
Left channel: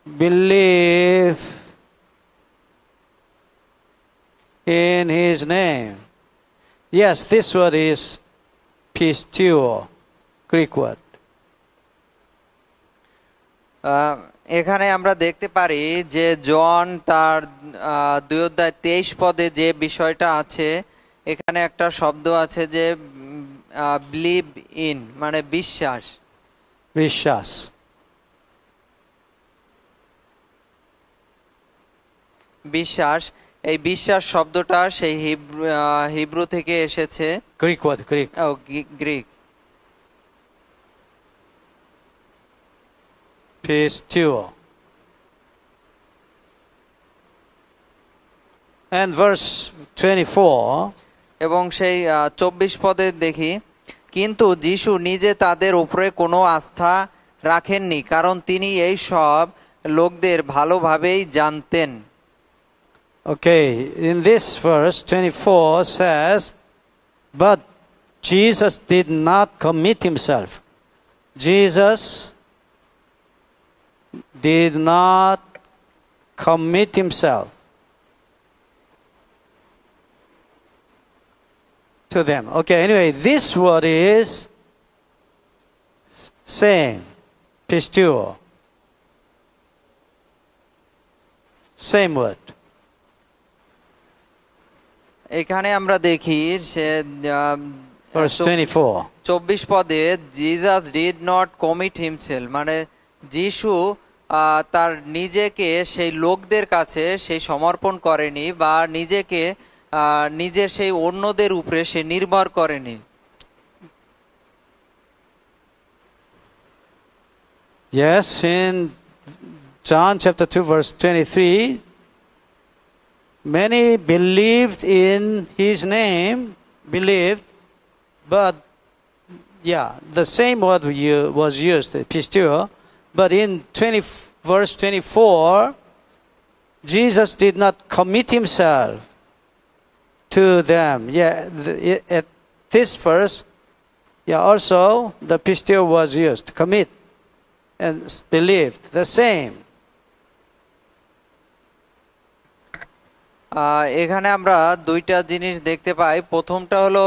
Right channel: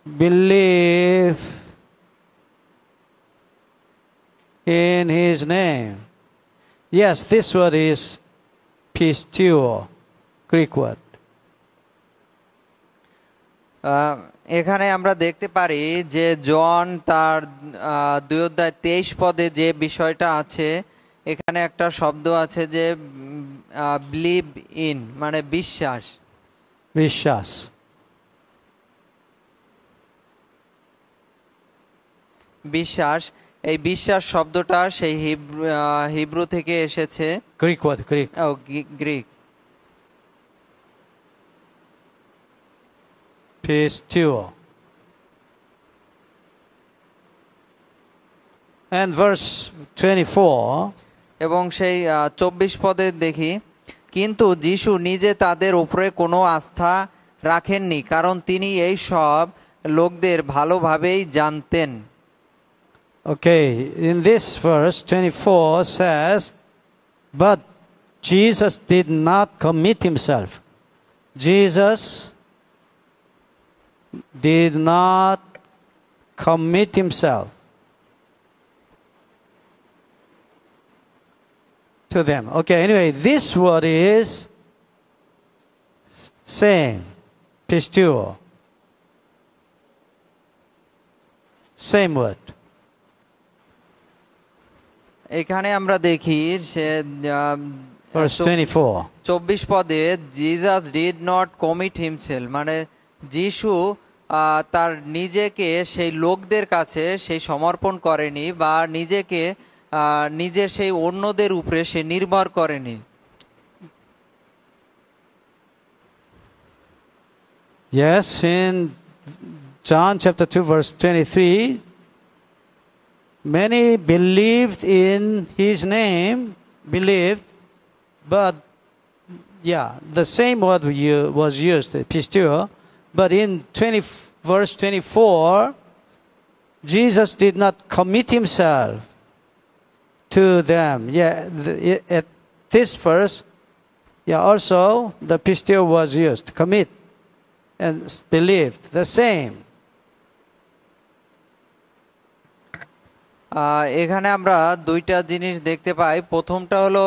Believe in his name. Yes, this word is pistio, Greek word. এখানে আমরা দেখতে পারি যে জন তার 2 অধ্যায় 23 পদে যে বিষয়টা আছে, এখানে একটা শব্দ আছে যে বিলিভ ইন, মানে বিশ্বাস। বিশ্বাস। বিশ্বাস, এই বিশ্বাস শব্দটা সেই হিব্রু থেকে এসেছে। Greek word, Greek. Greek. Pistio. And verse 24, এবং সেই 24 পদে দেখি, কিন্তু যিশু নিজে তাদের উপরে কোনো আস্থা রাখেননি, কারণ তিনি এই সব লোকদের ভালোভাবেই জানতেন। okay, in this verse 24 says, but Jesus did not commit himself. Jesus did not commit himself to them. Okay, anyway, this word is Same. Pisteuo. Same word. এখানে আমরা দেখি সে Verse 24. 24 পদে Jesus did not commit himself, মানে যিশু তার নিজেকে সেই লোকদের কাছে সেই সমর্পণ করেনি বা নিজেকে নিজের সেই অন্যদের উপরে সে নির্ভর করেনি। Yes, in John chapter 2 verse 23, many believed in his name, but the same word was used, pisteuo, but in verse 24, Jesus did not commit himself to them. At this verse, also the pisteuo was used, commit and believed, the same. এখানে আমরা দুইটা জিনিস দেখতে পাই। প্রথমটা হলো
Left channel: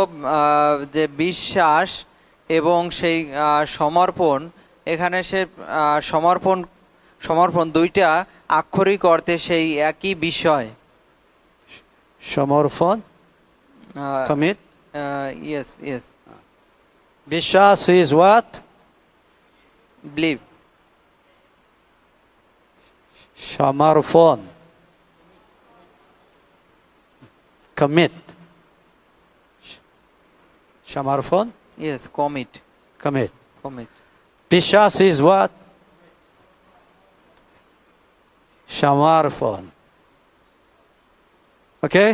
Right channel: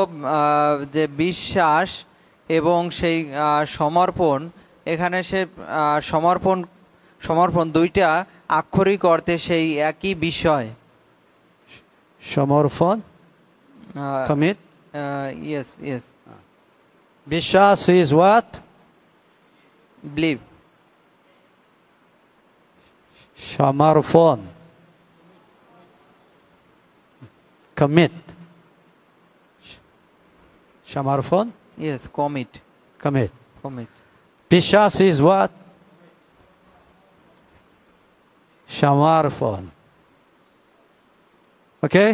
যে বিশ্বাস এবং সেই সমর্পণ। এখানে সে সমর্পণ দুইটা আক্ষরিক অর্থে সেই একই বিষয়। সমর্পণ, commit. Yes. বিশ্বাস is what? Believe. সমর্পণ, commit. সমর্পণ? Yes, commit. বিশ্বাস is what? সমর্পণ. Okay.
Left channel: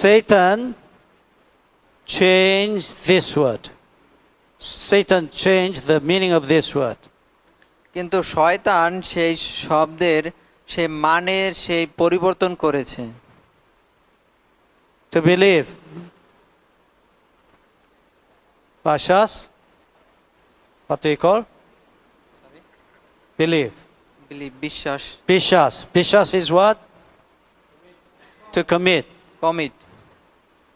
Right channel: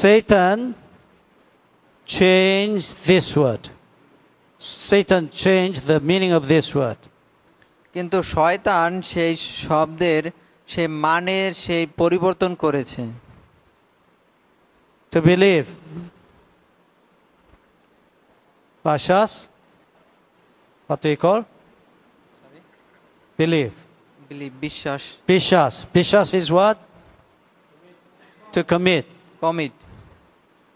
Satan changed this word. Satan changed the meaning of this word. কিন্তু শয়তান সেই শব্দের সেই মানের সেই পরিবর্তন করেছে। To believe. Vashas? What do you call? Believe. বিশ্বাস। Bishas is what? To commit.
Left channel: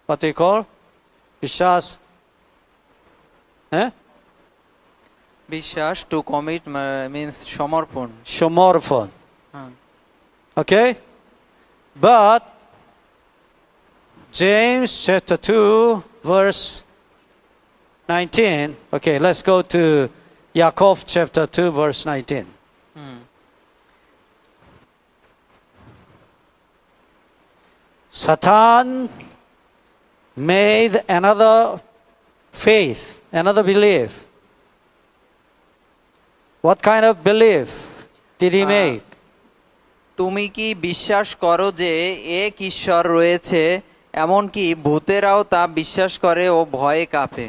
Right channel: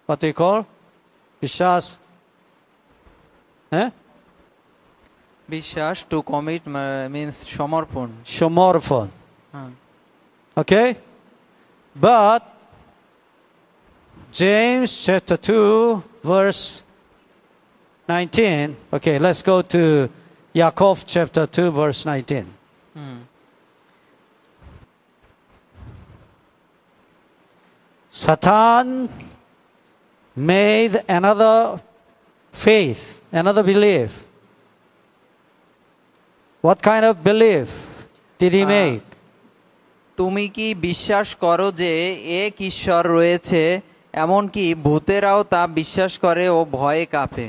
What do you call? Bishas. বিশ্বাস, to commit means সমর্পণ। Okay? But James chapter 2 verse 19. Okay, let's go to Yaakov chapter 2 verse 19. Satan made another faith, another belief. What kind of belief did he make? তুমি কি বিশ্বাস করো যে এক ঈশ্বর রয়েছে, এমনকি ভূতেরাও তা বিশ্বাস করে ও ভয়ে কাঁপে?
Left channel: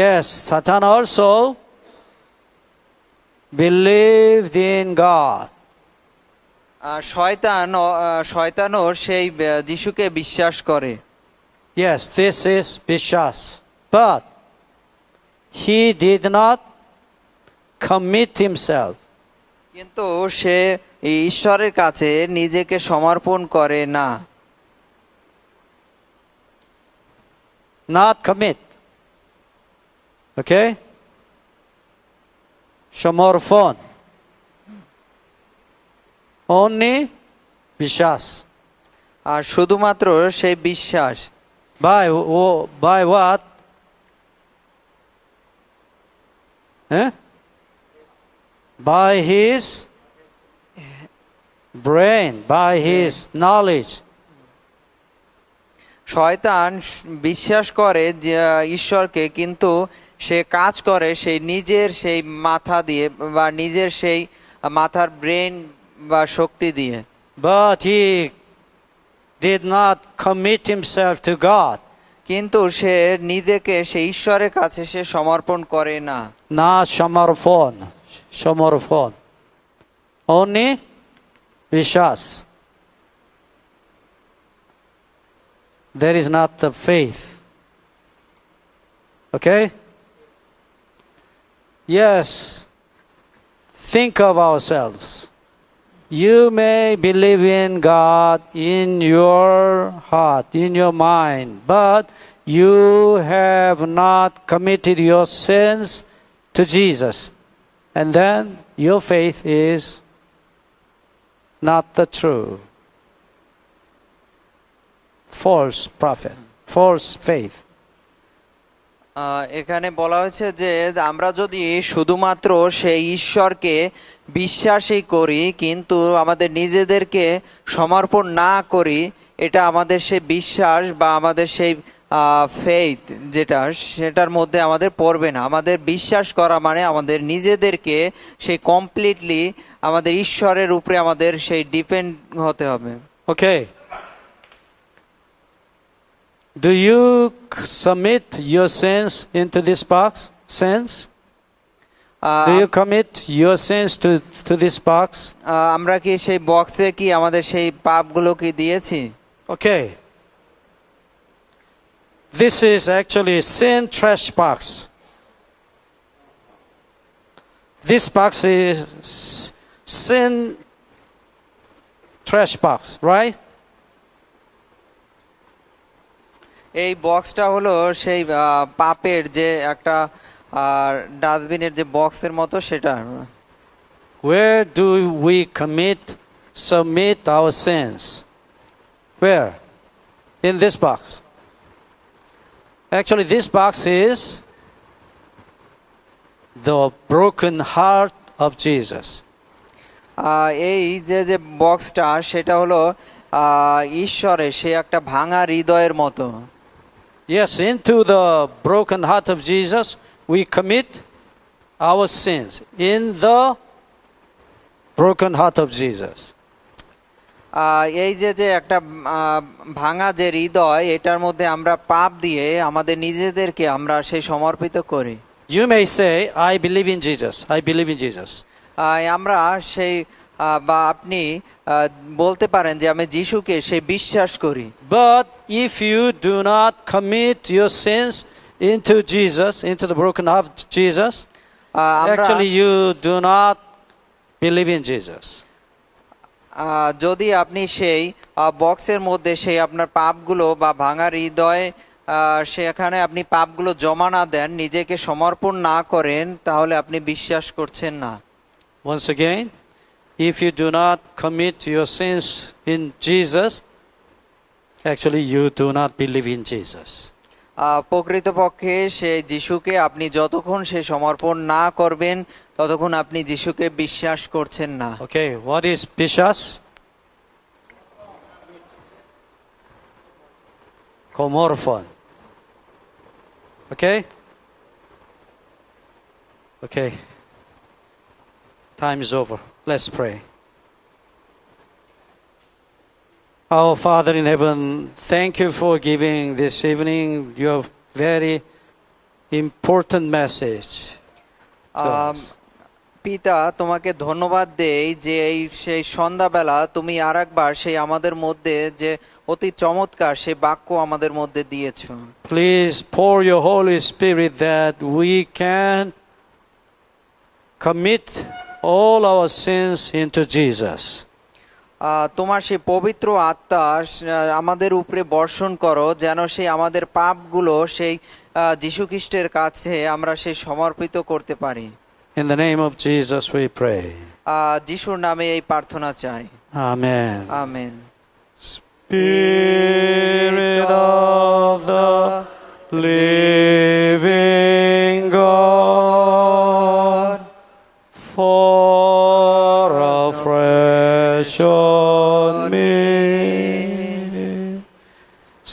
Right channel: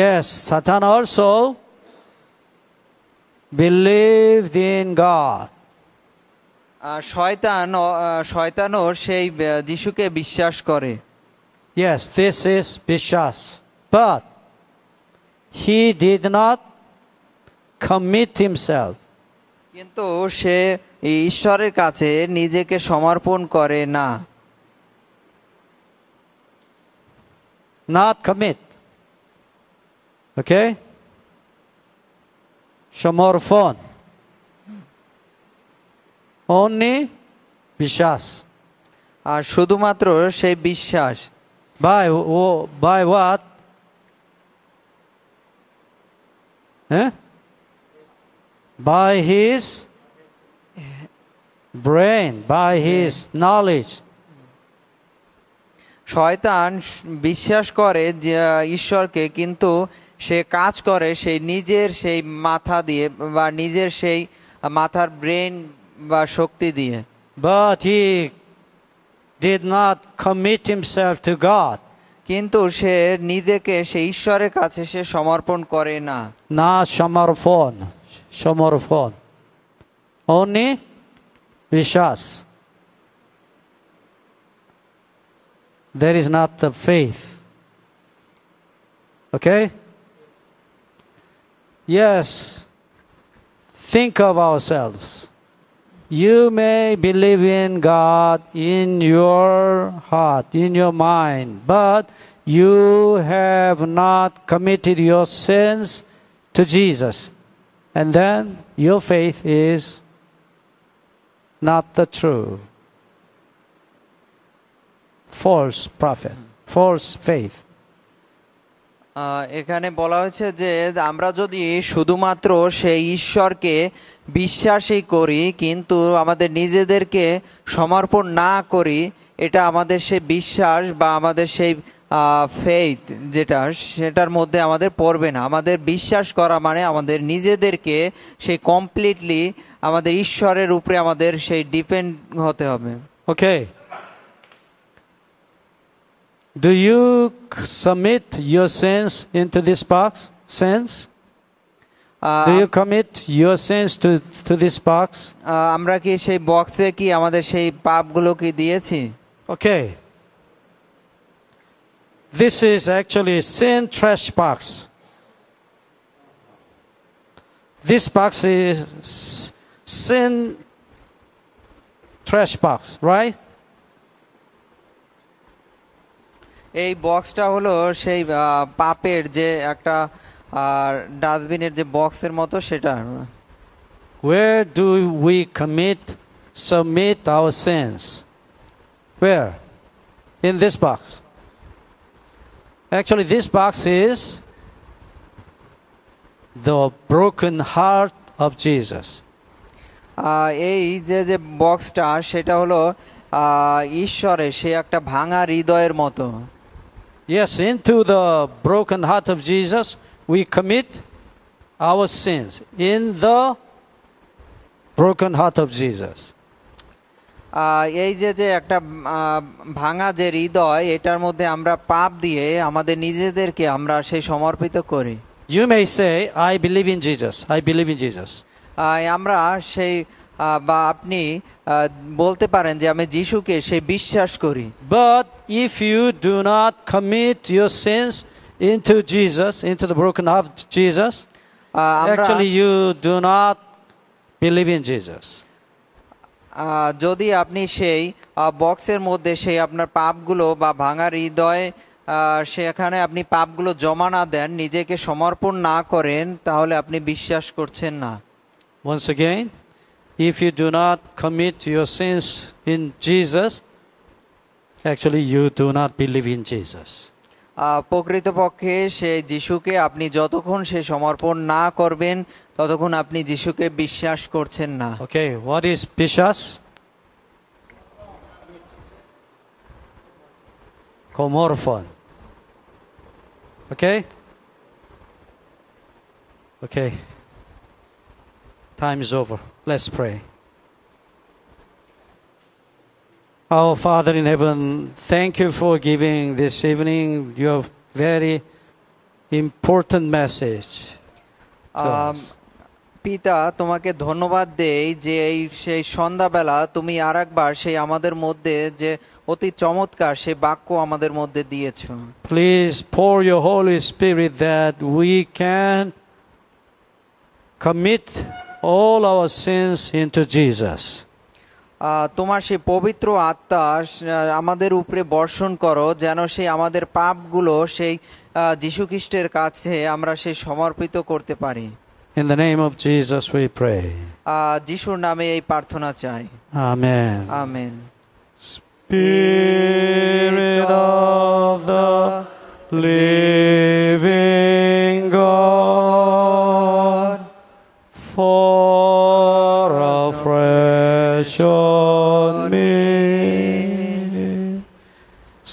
Yes, Satan also believed in God. শয়তানও সেই যিশুকে বিশ্বাস করে। Yes, this is Bishas. But he did not commit himself. কিন্তু সে ঈশ্বরের কাছে নিজেকে সমর্পণ করে না। Not commit. Okay? সমর্পণ. Only Bishas. আর শুধুমাত্র সেই বিশ্বাস। By what? By his brain, by his knowledge. শয়তান বিশ্বাস করে যে ঈশ্বরকে, কিন্তু সে কাজ করে সেই নিজের সেই মাথা দিয়ে বা নিজের সেই মাথার ব্রেন বা শক্তি দিয়ে। But he did not commit himself to God. কিন্তু সে নিজেকে সেই ঈশ্বরের কাছে সে সমর্পণ করে না। না সমর্পণ। Only Bishas. There is not the faith. Okay? Yes. Think of ourselves. You may believe in God in your heart, in your mind, but you have not committed your sins to Jesus. And then your faith is not the true. False prophet, false faith. এখানে বলা হয়েছে যে আমরা যদি শুধুমাত্র সেই ঈশ্বরকে বিশ্বাসই করি কিন্তু আমাদের নিজেদেরকে সমর্পণ না করি, এটা আমাদের সেই বিশ্বাস বা আমাদের সেই ফেইথ সেটার মধ্যে আমাদের পড়বে না। আমাদের বিশ্বাস করা মানে আমাদের নিজেদেরকে সেই কমপ্লিটলি আমাদের ঈশ্বরের উপরে আমাদের সেই ডিপেন্ড হতে হবে। Okay. Do you submit your sins into this box? Sins? Do you commit your sins to this box? আমরা কি সেই বক্সে কি আমাদের সেই পাপগুলো কি দিয়েছি? Okay. This is actually sin trash box. This box is sin trash box, right? এই বক্সটা হলো সেই পাপের যে একটা ডাস্টবিনের যে বক্সের মতো সেটা। Where do we submit our sins? Where? In this box. Actually, this box is the broken heart of Jesus. এই যে বক্সটা সেটা হলো ঈশ্বরের সে একটা ভাঙা হৃদয়ের মতো। Yes, into the broken heart of Jesus, we commit our sins. In the broken heart of Jesus. এই যে একটা ভাঙা যে হৃদয়, এটার মধ্যে আমরা পাপ দিয়ে আমাদের নিজেদেরকে আমরা সেই সমর্পিত করি। You may say, I believe in Jesus. I believe in Jesus. আমরা সেই বা আপনি বলতে পারেন যে আমি যিশুকে সেই বিশ্বাস করি। But if you do not commit your sins into Jesus, into the broken heart of Jesus, actually you do not believe in Jesus. যদি আপনি সেই বক্সের মধ্যে সেই আপনার পাপগুলো বা ভাঙা হৃদয় সেখানে আপনি পাপগুলো জমা না দেন, নিজেকে সমর্পণ না করেন, তাহলে আপনি বিশ্বাস করছেন না। Once again, if you do not commit your sins in Jesus, actually you do not believe in Jesus. প্রকৃতপক্ষে সেই যিশুকে আপনি যতক্ষণ সে সমর্পণ না করবেন ততক্ষণ আপনি যিশুকে বিশ্বাস করছেন না। Okay, what is বিশ্বাস? Komorphon. Okay? Okay. Time is over. Let's pray. Our Father in heaven, thank you for giving this evening your very important message to us. পিতা, তোমাকে ধন্যবাদ দেই যে এই সেই সন্ধ্যাবেলা তুমি আরেকবার সেই আমাদের মধ্যে যে অতি চমৎকার সেই বাক্য আমাদের মধ্যে দিয়েছো। Please pour your Holy Spirit that we can commit all our sins into Jesus. তোমার সেই পবিত্র আত্মা আমাদের উপরে বর্ষণ করো, যেন সেই আমাদের পাপগুলো সেই যীশু খ্রিস্টের কাছে আমরা সেই সমর্পিত করতে পারি। In the name of Jesus we pray. যিশুর নামে এই প্রার্থনা চাই। Amen. Amen. Spirit of the living God, fall afresh on me.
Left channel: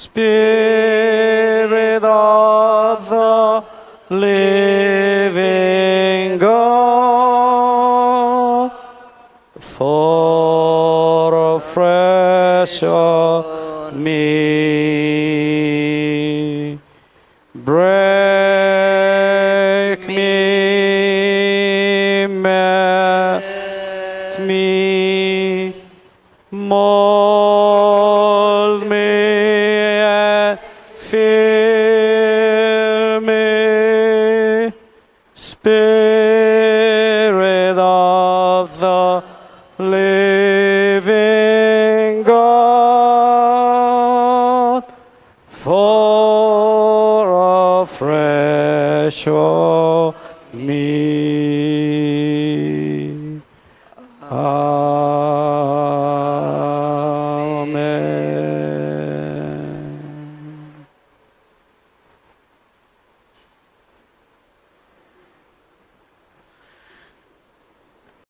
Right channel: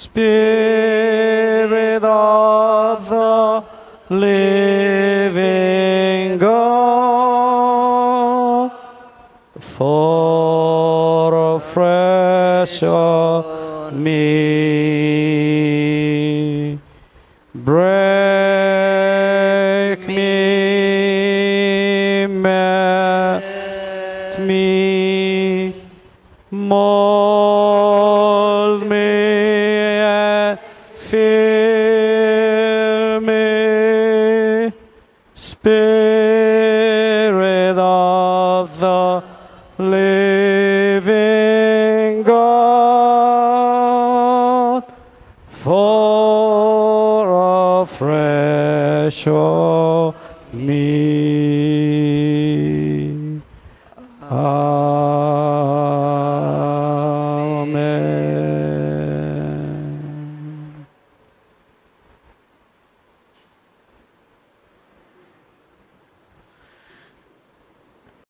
Spirit of the living God, fall afresh on me. Break me, melt me, mold me, and fill me. Spirit of the living me.